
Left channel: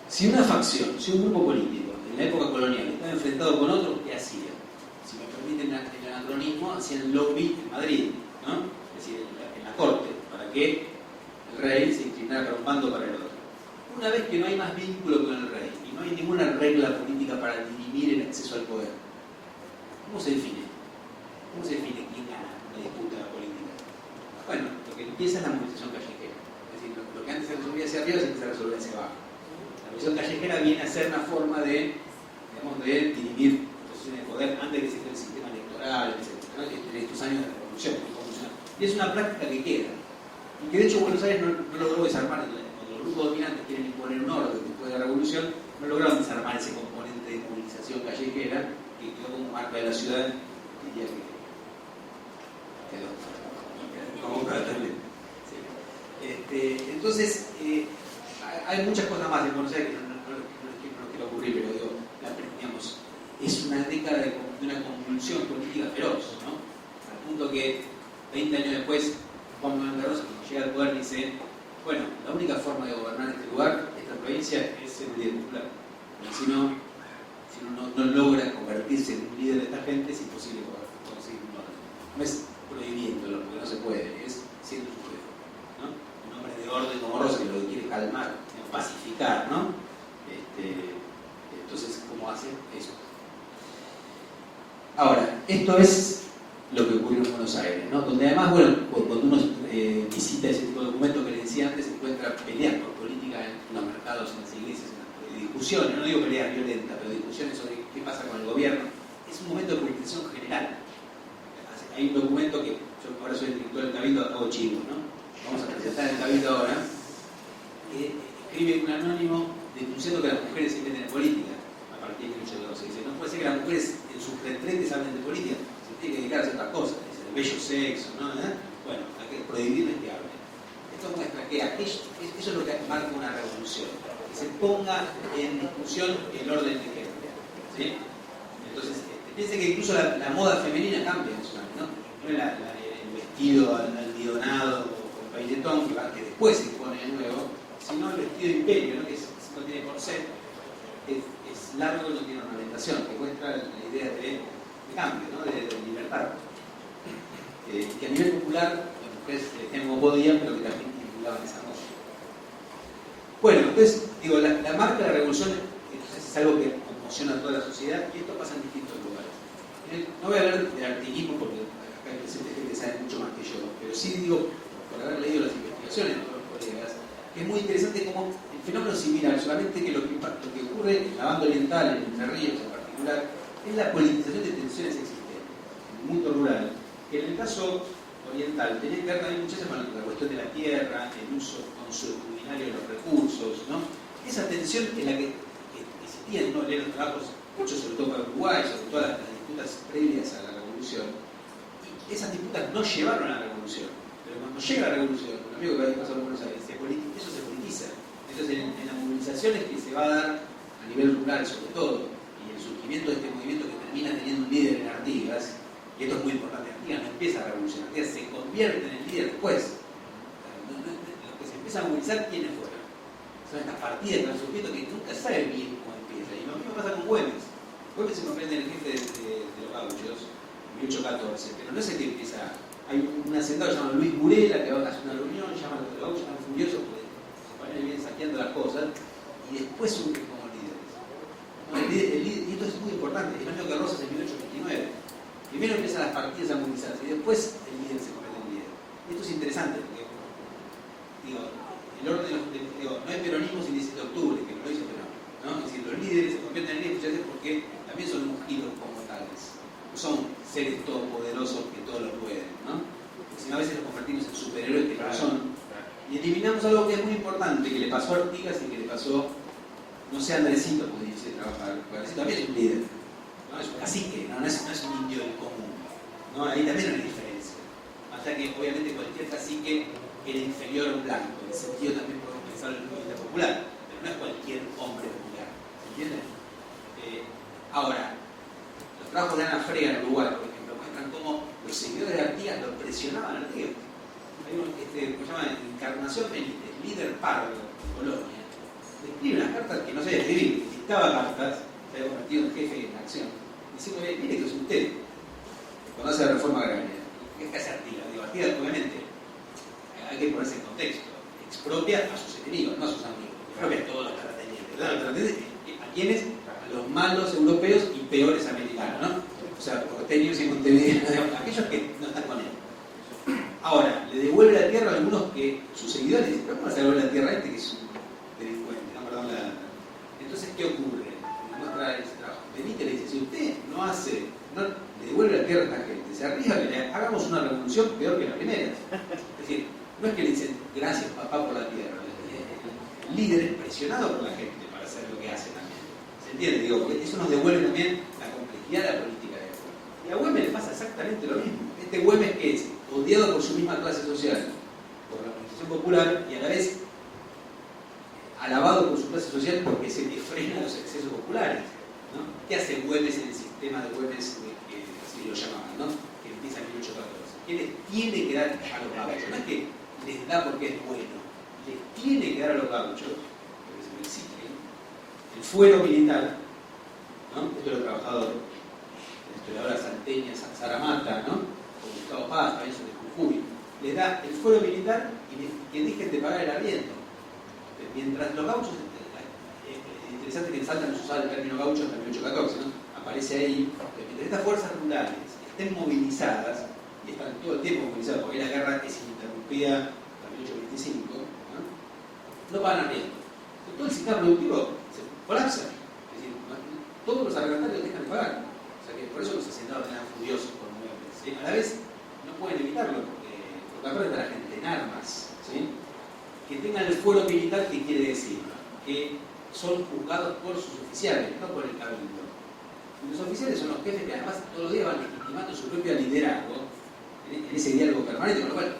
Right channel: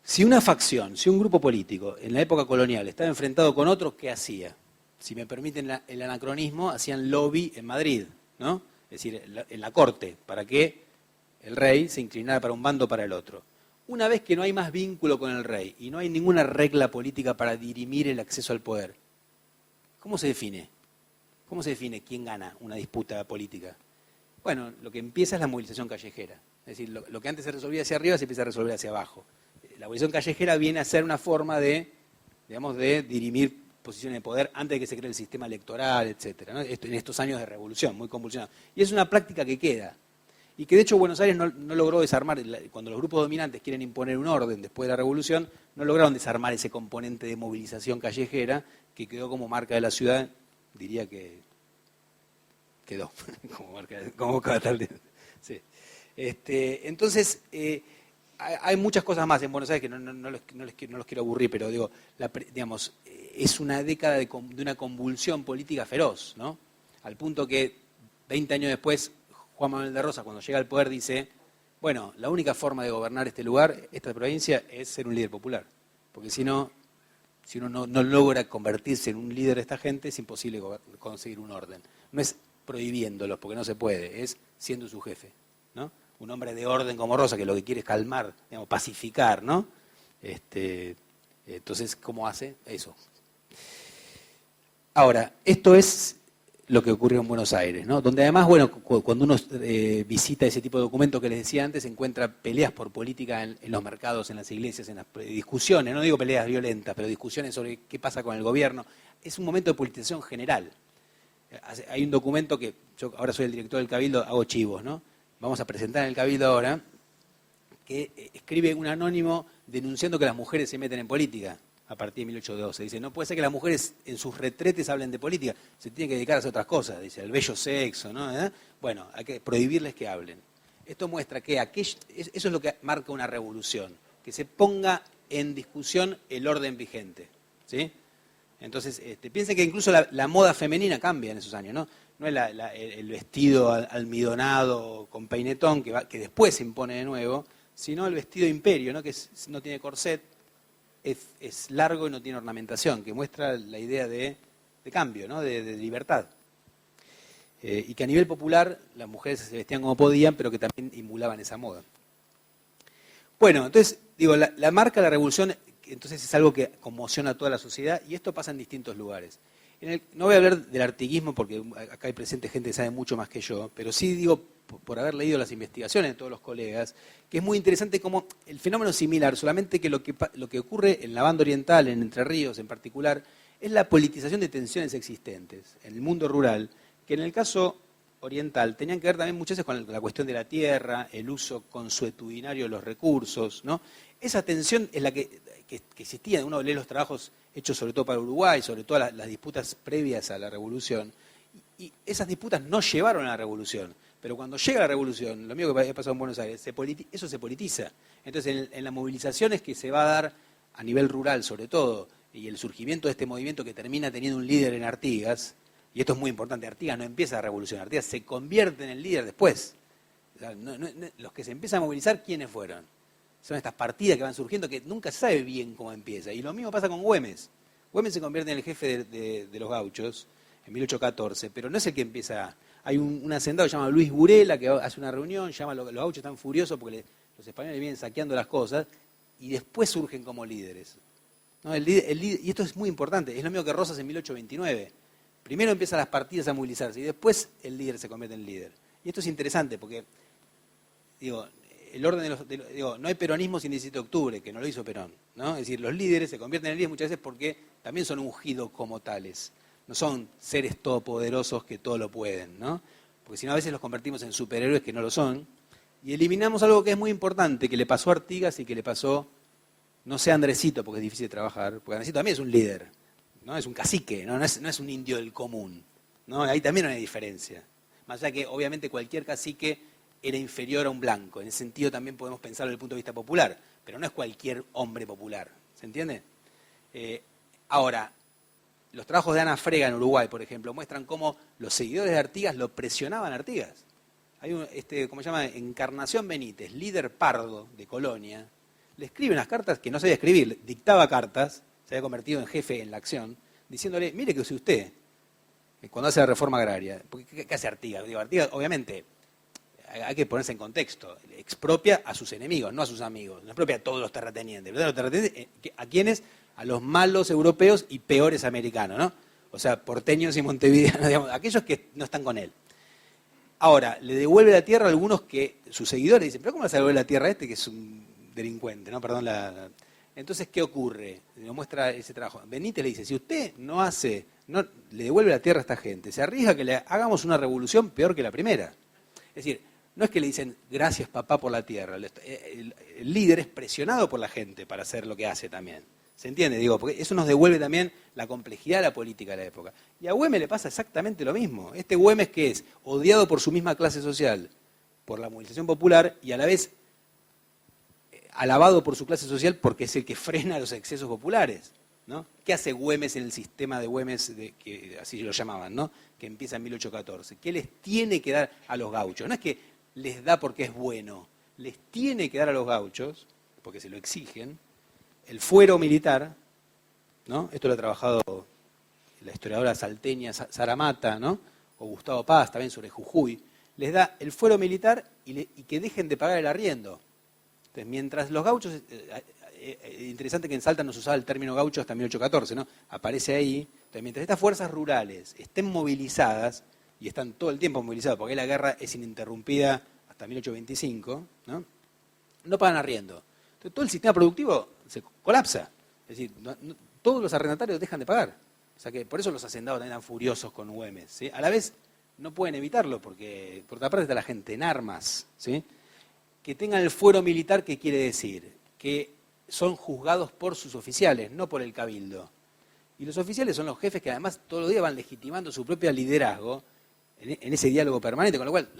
si una facción, si un grupo político en la época colonial estaba enfrentado con otro, ¿qué hacía? Si me permiten el anacronismo, hacían lobby en Madrid, ¿no? Es decir, en la corte, para que el rey se inclinara para un bando o para el otro. Una vez que no hay más vínculo con el rey y no hay ninguna regla política para dirimir el acceso al poder, ¿cómo se define? ¿Cómo se define quién gana una disputa política? Bueno, lo que empieza es la movilización callejera. Es decir, lo que antes se resolvía hacia arriba se empieza a resolver hacia abajo. La movilización callejera viene a ser una forma de dirimir posiciones de poder antes de que se cree el sistema electoral, etc., ¿no? En estos años de revolución, muy convulsionada. Y es una práctica que queda. Y que de hecho Buenos Aires no logró desarmar, cuando los grupos dominantes quieren imponer un orden después de la revolución, no lograron desarmar ese componente de movilización callejera que quedó como marca de la ciudad, diría que quedó como tal vez. Sí. Entonces, hay muchas cosas más en Buenos Aires que no los quiero aburrir, pero digo, digamos, es una década de una convulsión política feroz, ¿no? Al punto que 20 años después, Juan Manuel de Rosas, cuando llega al poder, dice: bueno, la única forma de gobernar este lugar, esta provincia, es ser un líder popular. Porque si uno no logra convertirse en un líder de esta gente, es imposible conseguir un orden. No es prohibiéndolo, porque no se puede, es siendo su jefe, ¿no? Un hombre de orden como Rosa, que lo que quiere es calmar, pacificar, ¿no? Entonces, ¿cómo hace eso? Ahora, esto es lo que ocurrió en Buenos Aires, ¿no? Donde además, bueno, cuando uno visita ese tipo de documentos que les decía antes, encuentra peleas por política en los mercados, en las iglesias, en las discusiones, no digo peleas violentas, pero discusiones sobre qué pasa con el gobierno. Es un momento de politización general. Hay un documento que, yo ahora soy el director del Cabildo, hago chivos, ¿no? Vamos a presentar en el Cabildo ahora, que escribe un anónimo denunciando que las mujeres se meten en política a partir de 1812. Dice, no puede ser que las mujeres en sus retretes hablen de política, se tienen que dedicar a hacer otras cosas, dice, el bello sexo, ¿no? Bueno, hay que prohibirles que hablen. Esto muestra que eso es lo que marca una revolución, que se ponga en discusión el orden vigente, ¿sí? Entonces, piensen que incluso la moda femenina cambia en esos años, ¿no? No es el vestido almidonado con peinetón que después se impone de nuevo, sino el vestido de imperio, ¿no? Que no tiene corset, es largo y no tiene ornamentación, que muestra la idea de cambio, ¿no? de libertad. Y que a nivel popular las mujeres se vestían como podían, pero que también impulaban esa moda. Bueno, entonces, digo, la marca de la revolución entonces es algo que conmociona a toda la sociedad y esto pasa en distintos lugares. No voy a hablar del artiguismo porque acá hay presente gente que sabe mucho más que yo, pero sí digo, por haber leído las investigaciones de todos los colegas, que es muy interesante cómo el fenómeno es similar, solamente que lo que ocurre en la banda oriental, en Entre Ríos en particular, es la politización de tensiones existentes en el mundo rural, que en el caso oriental tenían que ver también muchas veces con la cuestión de la tierra, el uso consuetudinario de los recursos, ¿no? Esa tensión es la que existía en uno de los trabajos hechos sobre todo para Uruguay, sobre todas las disputas previas a la revolución, y esas disputas no llevaron a la revolución. Pero cuando llega la revolución, lo mismo que pasó en Buenos Aires, eso se politiza. Entonces, en las movilizaciones que se va a dar a nivel rural, sobre todo, y el surgimiento de este movimiento que termina teniendo un líder en Artigas, y esto es muy importante, Artigas no empieza la revolución, Artigas se convierte en el líder después. Los que se empiezan a movilizar, ¿quiénes fueron? Son estas partidas que van surgiendo que nunca se sabe bien cómo empieza. Y lo mismo pasa con Güemes. Güemes se convierte en el jefe de los gauchos en 1814, pero no es el que empieza. Hay un hacendado que se llama Luis Burela que hace una reunión, llama a los gauchos, están furiosos porque los españoles vienen saqueando las cosas y después surgen como líderes. ¿No? Y esto es muy importante, es lo mismo que Rosas en 1829. Primero empiezan las partidas a movilizarse y después el líder se convierte en líder. Y esto es interesante porque, digo, el orden no hay peronismo sin 17 de octubre, que no lo hizo Perón, ¿no? Es decir, los líderes se convierten en líderes muchas veces porque también son ungidos como tales. No son seres todopoderosos que todo lo pueden, ¿no? Porque si no a veces nos convertimos en superhéroes que no lo son. Y eliminamos algo que es muy importante, que le pasó a Artigas y que le pasó, no sé a Andresito, porque es difícil de trabajar, porque Andresito también es un líder, ¿no? Es un cacique, no es un indio del común, ¿no? Ahí también hay una diferencia. Más allá que obviamente cualquier cacique era inferior a un blanco, en ese sentido también podemos pensar desde el punto de vista popular, pero no es cualquier hombre popular, ¿se entiende? Ahora, los trabajos de Ana Frega en Uruguay, por ejemplo, muestran cómo los seguidores de Artigas lo presionaban a Artigas. Hay ¿cómo se llama? Encarnación Benítez, líder pardo de Colonia, le escribe unas cartas que no sabía escribir, dictaba cartas, se había convertido en jefe en la acción, diciéndole, mire que es usted, cuando hace la reforma agraria, ¿qué hace Artigas? Digo, Artigas, obviamente, hay que ponerse en contexto, expropia a sus enemigos, no a sus amigos, expropia a todos los terratenientes. ¿A quiénes? A los malos europeos y peores americanos, ¿no? O sea, porteños y montevideanos, digamos, aquellos que no están con él. Ahora, le devuelve la tierra a algunos que sus seguidores dicen, ¿pero cómo vas a devolver la tierra a este que es un delincuente? ¿No? Perdón Entonces, ¿qué ocurre? Me muestra ese trabajo. Benítez le dice, si usted no le devuelve la tierra a esta gente, se arriesga que le hagamos una revolución peor que la primera. Es decir, no es que le dicen, gracias papá por la tierra. El líder es presionado por la gente para hacer lo que hace también. ¿Se entiende? Digo, porque eso nos devuelve también la complejidad de la política de la época. Y a Güemes le pasa exactamente lo mismo. Este Güemes que es odiado por su misma clase social, por la organización popular, y a la vez alabado por su clase social porque es el que frena los excesos populares, ¿no? ¿Qué hace Güemes en el sistema de Güemes, que así lo llamaban, ¿no? Que empieza en 1814? ¿Qué les tiene que dar a los gauchos? No es que les da porque es bueno, les tiene que dar a los gauchos, porque se lo exigen, el fuero militar, ¿no? Esto lo ha trabajado la historiadora salteña Sara Mata, ¿no? Con Gustavo Paz, también sobre Jujuy. Les da el fuero militar y que dejen de pagar el arriendo. Entonces, mientras los gauchos, interesante que en Salta no se usaba el término gaucho hasta 1814, ¿no? Aparece ahí. Entonces, mientras estas fuerzas rurales estén movilizadas, y están todo el tiempo movilizadas, porque la guerra es ininterrumpida hasta 1825, no pagan arriendo. Todo el sistema productivo se colapsa. Es decir, todos los arrendatarios dejan de pagar. O sea que por eso los hacendados eran furiosos con Güemes, ¿sí? A la vez no pueden evitarlo porque aparte está la gente en armas, ¿sí? Que tengan el fuero militar, ¿qué quiere decir? Que son juzgados por sus oficiales, no por el cabildo. Y los oficiales son los jefes que además todos los días van legitimando su propio liderazgo en ese diálogo permanente, con lo cual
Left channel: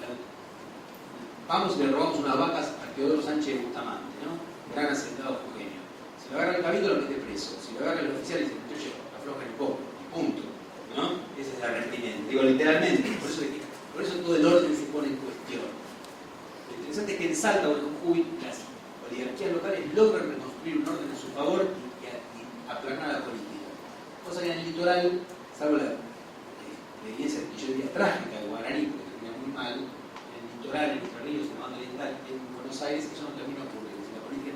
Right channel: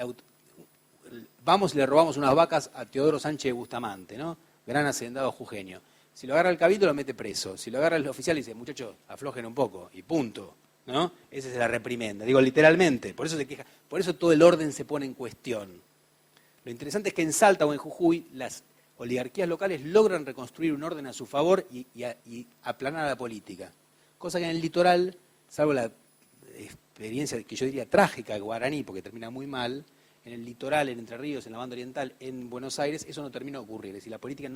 vamos y le robamos unas vacas a Teodoro Sánchez Bustamante, ¿no? Gran hacendado jujeño. Si lo agarra el cabildo lo mete preso, si lo agarra el oficial dice, muchachos, aflojen un poco, y punto, ¿no? Esa es la reprimenda, digo literalmente, por eso todo el orden se pone en cuestión. Lo interesante es que en Salta o en Jujuy las oligarquías locales logran reconstruir un orden a su favor y aplanar la política. Cosa que en el litoral, salvo la experiencia que yo diría trágica de Guaraní, porque termina muy mal, en el litoral, en Entre Ríos, en la banda oriental, en Buenos Aires, eso no termina de ocurrir. Es decir, la política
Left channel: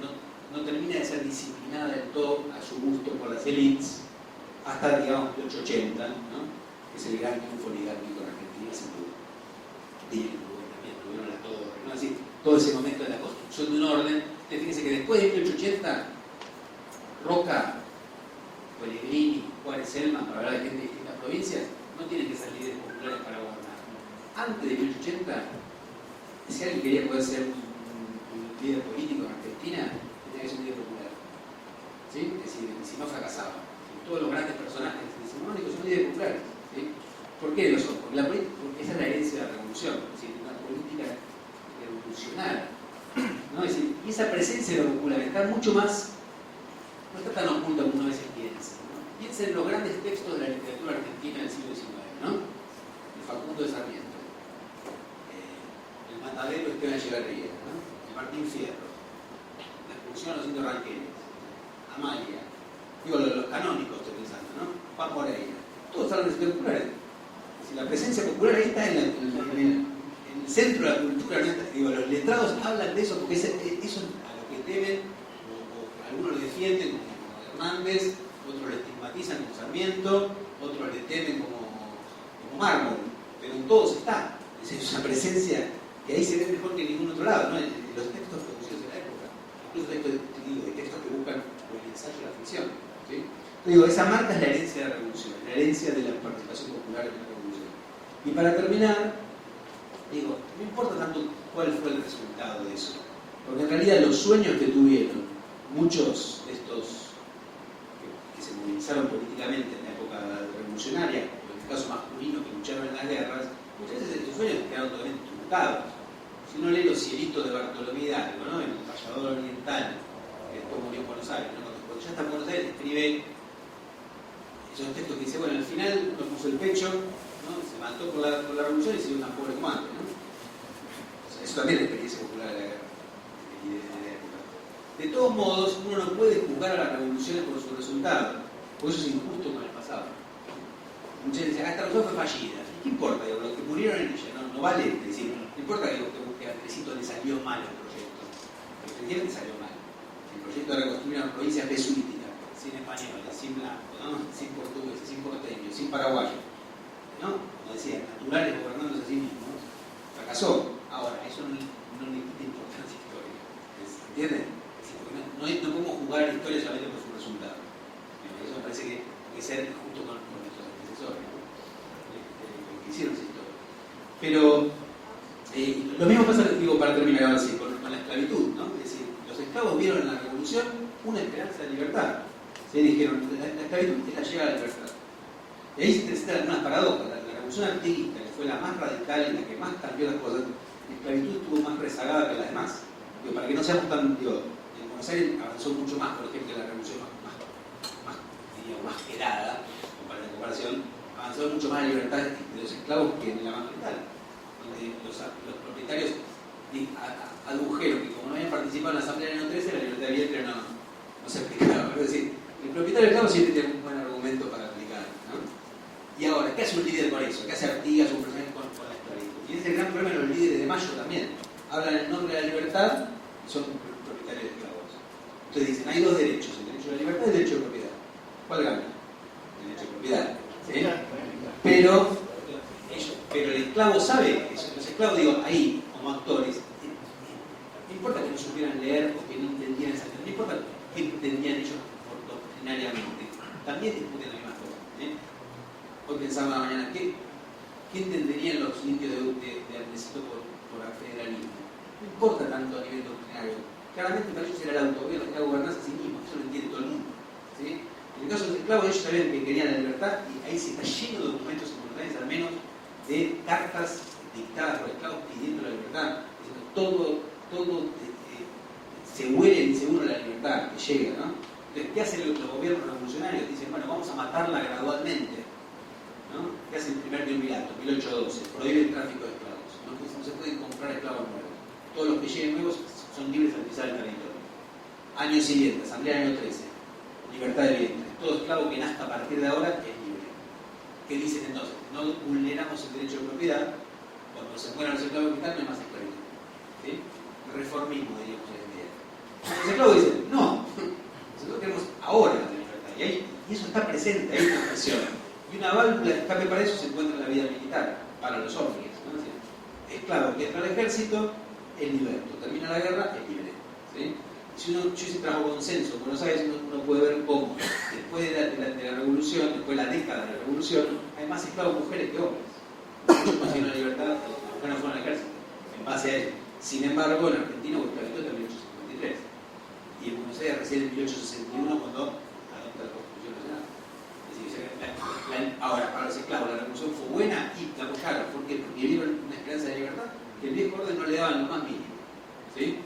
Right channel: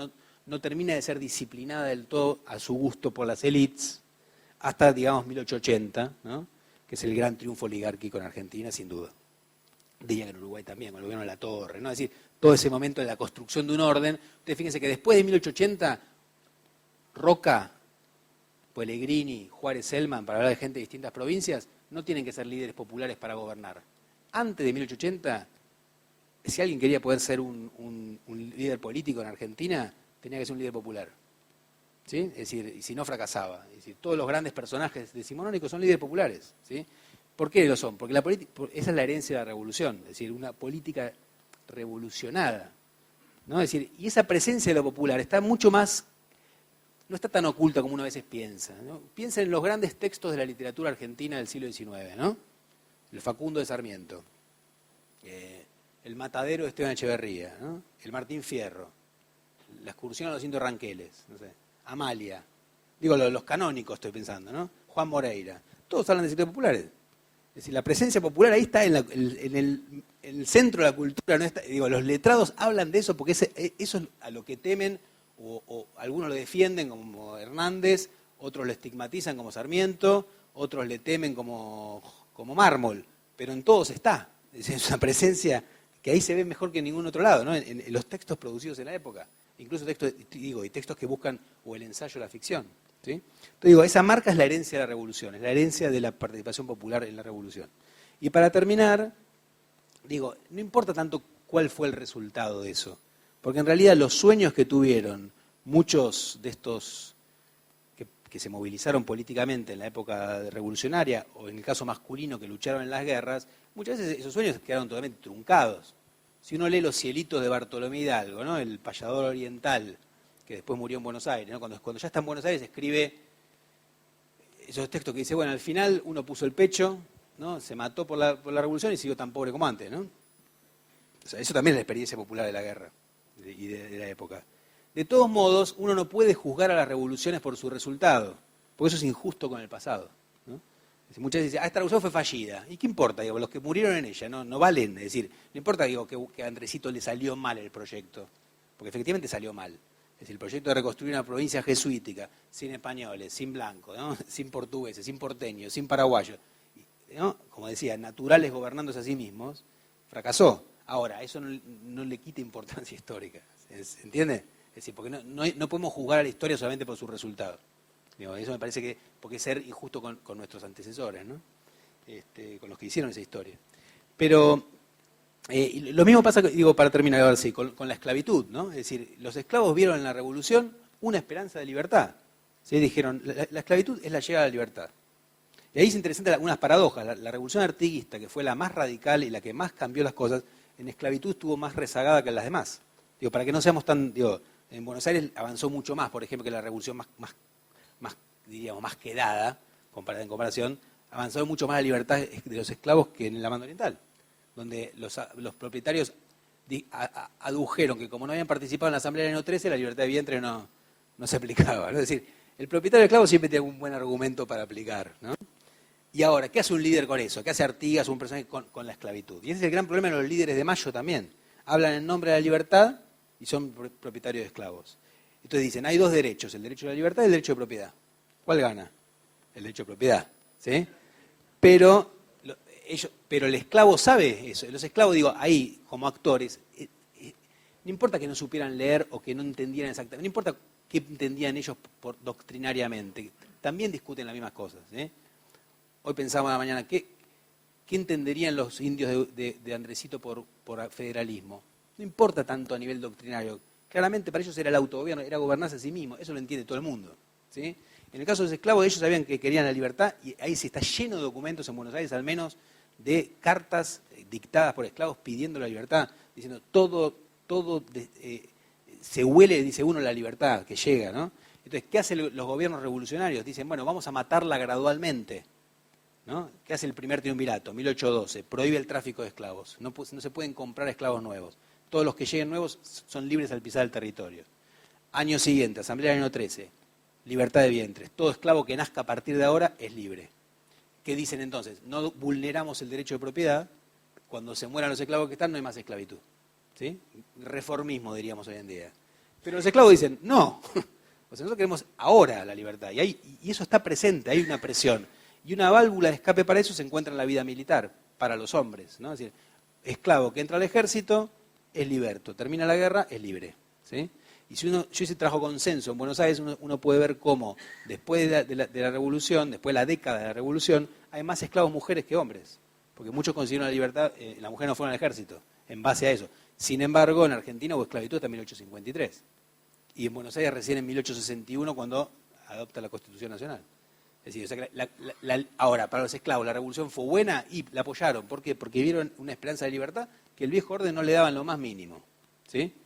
no termina de ser disciplinada del todo a su gusto por las élites hasta, digamos, 1880, ¿no? Que es el gran triunfo oligárquico en Argentina, sin duda. Y en Uruguay también, el gobierno de la Torre, ¿no? Es decir, todo ese momento de la construcción de un orden. Entonces, fíjense que después de 1880, Roca, Pellegrini, Juárez, Selman, para hablar de gente de distintas provincias, no tienen que ser líderes populares para gobernar. Antes de 1880, si alguien quería poder ser un líder político en Argentina, tenía que ser un líder popular. ¿Sí? Es decir, si no fracasaba. Es decir, todos los grandes personajes decimonónicos son líderes populares. ¿Sí? ¿Por qué lo son? Porque esa es la herencia de la revolución, es decir, una política revolucionaria, ¿no? Es decir, y esa presencia de lo popular está mucho más, no está tan oculta como uno a veces piensa, ¿no? Piensa en los grandes textos de la literatura argentina del siglo XIX, ¿no? El Facundo de Sarmiento, el Matadero de Esteban Echeverría, ¿no? El Martín Fierro, la excursión a los indios ranqueles, Amalia, digo los canónicos estoy pensando, ¿no? Juan Moreira, todos hablan de sectores populares. Es decir, la presencia popular ahí está en el centro de la cultura, ¿no? Digo, los letrados hablan de eso porque eso es a lo que temen, o algunos lo defienden como Hernández, otros lo estigmatizan como Sarmiento, otros le temen como Mármol, pero en todos está. Es una presencia que ahí se ve mejor que en ningún otro lado, ¿no? En los textos producidos en la época, incluso textos que buscan o el ensayo de la ficción, ¿sí? Entonces digo, esa marca es la herencia de la revolución, la herencia de la participación popular en la revolución. Y para terminar, digo, no importa tanto cuál fue el resultado de eso, porque en realidad los sueños que tuvieron muchos de estos que se movilizaron políticamente en la época revolucionaria, o en el caso masculino que lucharon en las guerras, muchas veces esos sueños quedaron totalmente truncados. Si uno lee Los cielitos de Bartolomé Hidalgo, ¿no? El payador oriental, que después murió en Buenos Aires, ¿no? Cuando ya está en Buenos Aires escribe esos textos que dice, bueno, al final uno puso el pecho, ¿no? Se mató por la revolución y siguió tan pobre como antes, ¿no? O sea, eso también es la experiencia popular de la guerra y de la época. De todos modos, uno no puede juzgar a las revoluciones por su resultado, porque eso es injusto con el pasado, ¿no? Muchas veces dicen, esta revolución fue fallida. ¿Y qué importa? Digo, los que murieron en ella no valen. Es decir, no importa que a Andresito le salió mal el proyecto, porque efectivamente salió mal. Es el proyecto de reconstruir una provincia jesuítica, sin españoles, sin blancos, ¿no? Sin portugueses, sin porteños, sin paraguayos, ¿no? Como decía, naturales gobernándose a sí mismos, fracasó. Ahora, eso no le quita importancia histórica. ¿Entienden? Es decir, porque no podemos jugar a la historia solamente por su resultado. Eso me parece que porque ser injusto con nuestros antecesores, ¿no? Los que hicieron esa historia. Pero lo mismo pasa, digo, para terminar ahora sí, con la esclavitud, ¿no? Es decir, los esclavos vieron en la revolución una esperanza de libertad. ¿Sí? Dijeron, la esclavitud es la llegada a la libertad. Y ahí se presentan algunas paradojas. La revolución artiguista, que fue la más radical y la que más cambió las cosas, en esclavitud estuvo más rezagada que las demás. Digo, para que no seamos tan... Digo, en Buenos Aires avanzó mucho más, por ejemplo, que la revolución más quedada, en comparación, avanzó mucho más la libertad de los esclavos que en la banda oriental, donde los propietarios adujeron que como no habían participado en la asamblea del año 13, la libertad de vientre no se aplicaba. Es decir, el propietario del esclavo siempre tiene un buen argumento para aplicar, ¿no? Y ahora, ¿qué hace un líder con eso? ¿Qué hace Artigas o un personaje con la esclavitud? Y ese es el gran problema de los líderes de Mayo también. Hablan en nombre de la libertad y son propietarios de esclavos. Entonces dicen, hay dos derechos, el derecho a la libertad y el derecho de propiedad. ¿Cuál gana? El derecho de propiedad, ¿sí? pero el esclavo sabe eso. Los esclavos, digo, ahí, como actores, no importa que no supieran leer o que no entendieran exactamente, no importa qué entendían ellos doctrinariamente, también discuten las mismas cosas. Hoy pensaba en la mañana, ¿qué entenderían los indios de Andresito por federalismo? No importa tanto a nivel doctrinario. Claramente para ellos era el autogobierno, era gobernarse a sí mismo, eso lo entiende todo el mundo. ¿Sí? En el caso de los esclavos, ellos sabían que querían la libertad, y ahí se está lleno de documentos en Buenos Aires, al menos, de cartas dictadas por esclavos pidiendo la libertad, diciendo todo se huele, dice uno, la libertad que llega, ¿no? Entonces, ¿qué hacen los gobiernos revolucionarios? Dicen, bueno, vamos a matarla gradualmente, ¿no? ¿Qué hace el primer triunvirato? 1812, prohíbe el tráfico de esclavos, no se pueden comprar esclavos nuevos, todos los que lleguen nuevos son libres al pisar el territorio. Año siguiente, Asamblea del año 13, libertad de vientres, todo esclavo que nazca a partir de ahora es libre. ¿Qué dicen entonces? No vulneramos el derecho de propiedad, cuando se mueran los esclavos que están no hay más esclavitud. ¿Sí? Reformismo, diríamos hoy en día. Pero los esclavos dicen, no, nosotros queremos ahora la libertad, y eso está presente, hay una presión. Y una válvula de escape para eso se encuentra en la vida militar, para los hombres, ¿no? Es decir, esclavo que entra al ejército es liberto, termina la guerra, es libre. ¿Sí? Y si yo hice trabajo consenso en Buenos Aires, uno puede ver cómo después de la revolución, después de la década de la revolución, hay más esclavos mujeres que hombres. Muchos consiguieron la libertad, las mujeres no fueron al ejército, en base a ello. Sin embargo, en Argentina hubo esclavitud hasta 1853. Y en Buenos Aires recién en 1861 cuando adopta la Constitución Nacional. Es decir, o sea, ahora, para los esclavos la revolución fue buena y la apoyaron. ¿Por qué? Porque vieron una esperanza de libertad que el viejo orden no le daban lo más mínimo. ¿Sí?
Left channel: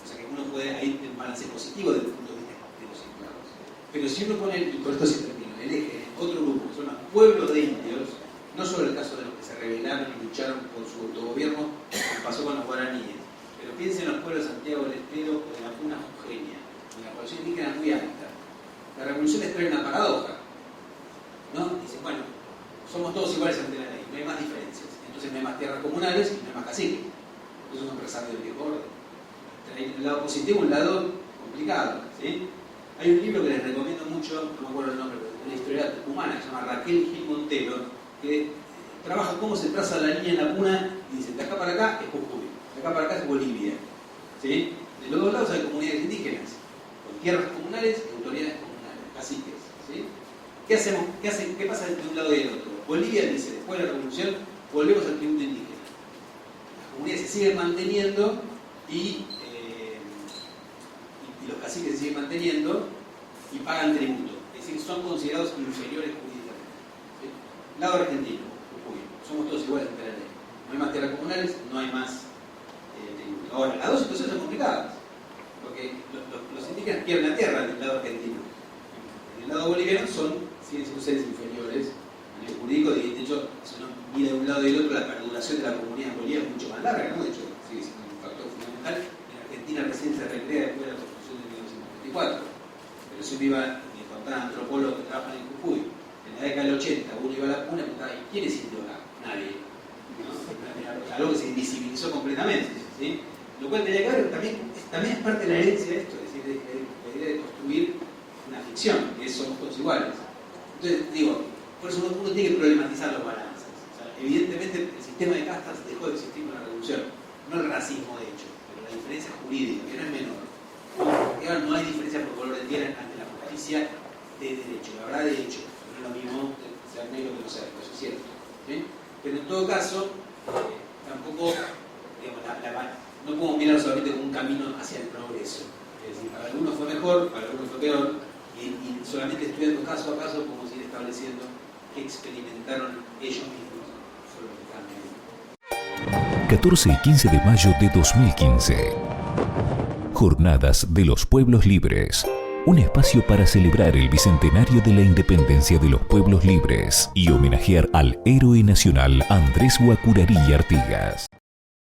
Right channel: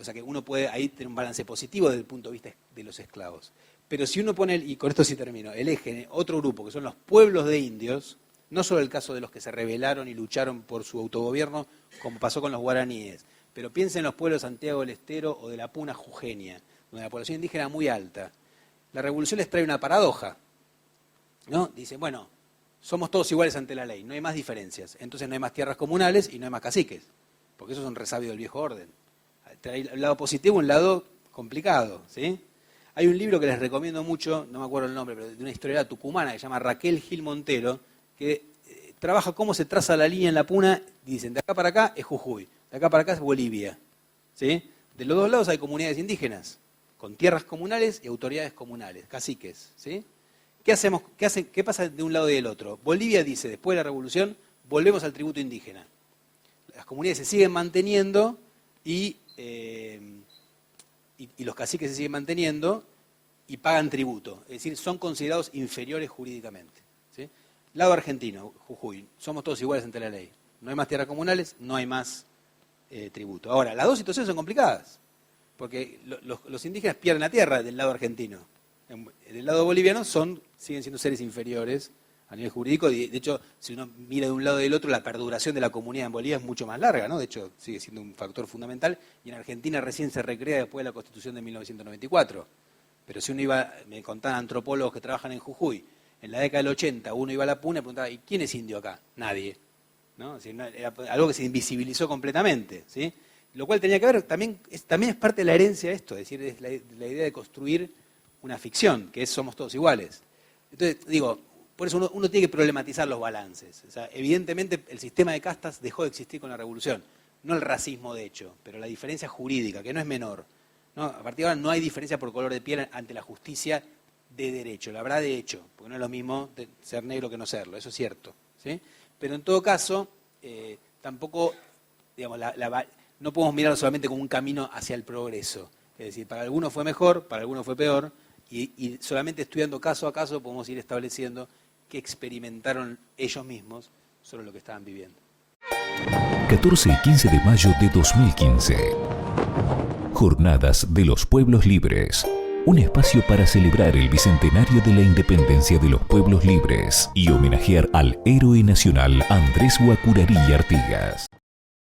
O sea que uno puede ahí tener un balance positivo desde el punto de vista de los esclavos. Pero si uno pone, y con esto sí termino, el eje, otro grupo, que son los pueblos de indios, no solo el caso de los que se rebelaron y lucharon por su autogobierno, como pasó con los guaraníes, pero piensen en los pueblos de Santiago del Estero o de la Puna Jujeña, donde la población indígena es muy alta. La revolución les trae una paradoja, ¿no? Dicen, bueno, somos todos iguales ante la ley, no hay más diferencias, entonces no hay más tierras comunales y no hay más caciques, porque esos son resabios del viejo orden. Hay un lado positivo y un lado complicado, ¿sí? Hay un libro que les recomiendo mucho, no me acuerdo el nombre, pero de una historiadora tucumana que se llama Raquel Gil Montero, que trabaja cómo se traza la línea en la Puna y dicen, de acá para acá es Jujuy, de acá para acá es Bolivia. ¿Sí? De los dos lados hay comunidades indígenas, con tierras comunales y autoridades comunales, caciques. ¿Sí? ¿Qué hacemos? ¿Qué pasa de un lado y del otro? Bolivia dice, después de la revolución, volvemos al tributo indígena. Las comunidades se siguen manteniendo y los caciques se siguen manteniendo y pagan tributo. Es decir, son considerados inferiores jurídicamente. ¿Sí? Lado argentino, Jujuy, somos todos iguales ante la ley. No hay más tierras comunales, no hay más tributo. Ahora, las dos situaciones son complicadas, porque los indígenas pierden la tierra del lado argentino. Del lado boliviano siguen siendo seres inferiores a nivel jurídico. De hecho, si uno mira de un lado y del otro, la perduración de la comunidad en Bolivia es mucho más larga, ¿no? De hecho, sigue siendo un factor fundamental. Y en Argentina recién se recrea después de la Constitución de 1994. Pero si uno iba, me contaban antropólogos que trabajan en Jujuy, en la década del 80, uno iba a la Puna y preguntaba, ¿quién es indio acá? Nadie. ¿No? Era algo que se invisibilizó completamente. ¿Sí? Lo cual tenía que ver, también es parte de la herencia de esto, es decir, es la idea de construir una ficción, que es somos todos iguales. Entonces, digo, por eso uno tiene que problematizar los balances. O sea, evidentemente el sistema de castas dejó de existir con la revolución, no el racismo de hecho, pero la diferencia jurídica, que no es menor. No hay diferencia por color de piel ante la justicia de derecho, la verdad de hecho, no es lo mismo ser negro que no serlo, eso es cierto. ¿Sí? Pero en todo caso, tampoco, digamos, no podemos mirarlo solamente como un camino hacia el progreso. Es decir, para algunos fue mejor, para algunos fue peor, y solamente estudiando caso a caso podemos ir estableciendo qué experimentaron ellos mismos sobre lo que estaban viviendo. 14 y 15 de mayo de 2015. Jornadas de los Pueblos Libres. Un espacio para celebrar el bicentenario de la independencia de los pueblos libres y homenajear al héroe nacional Andrés Guacurarí Artigas.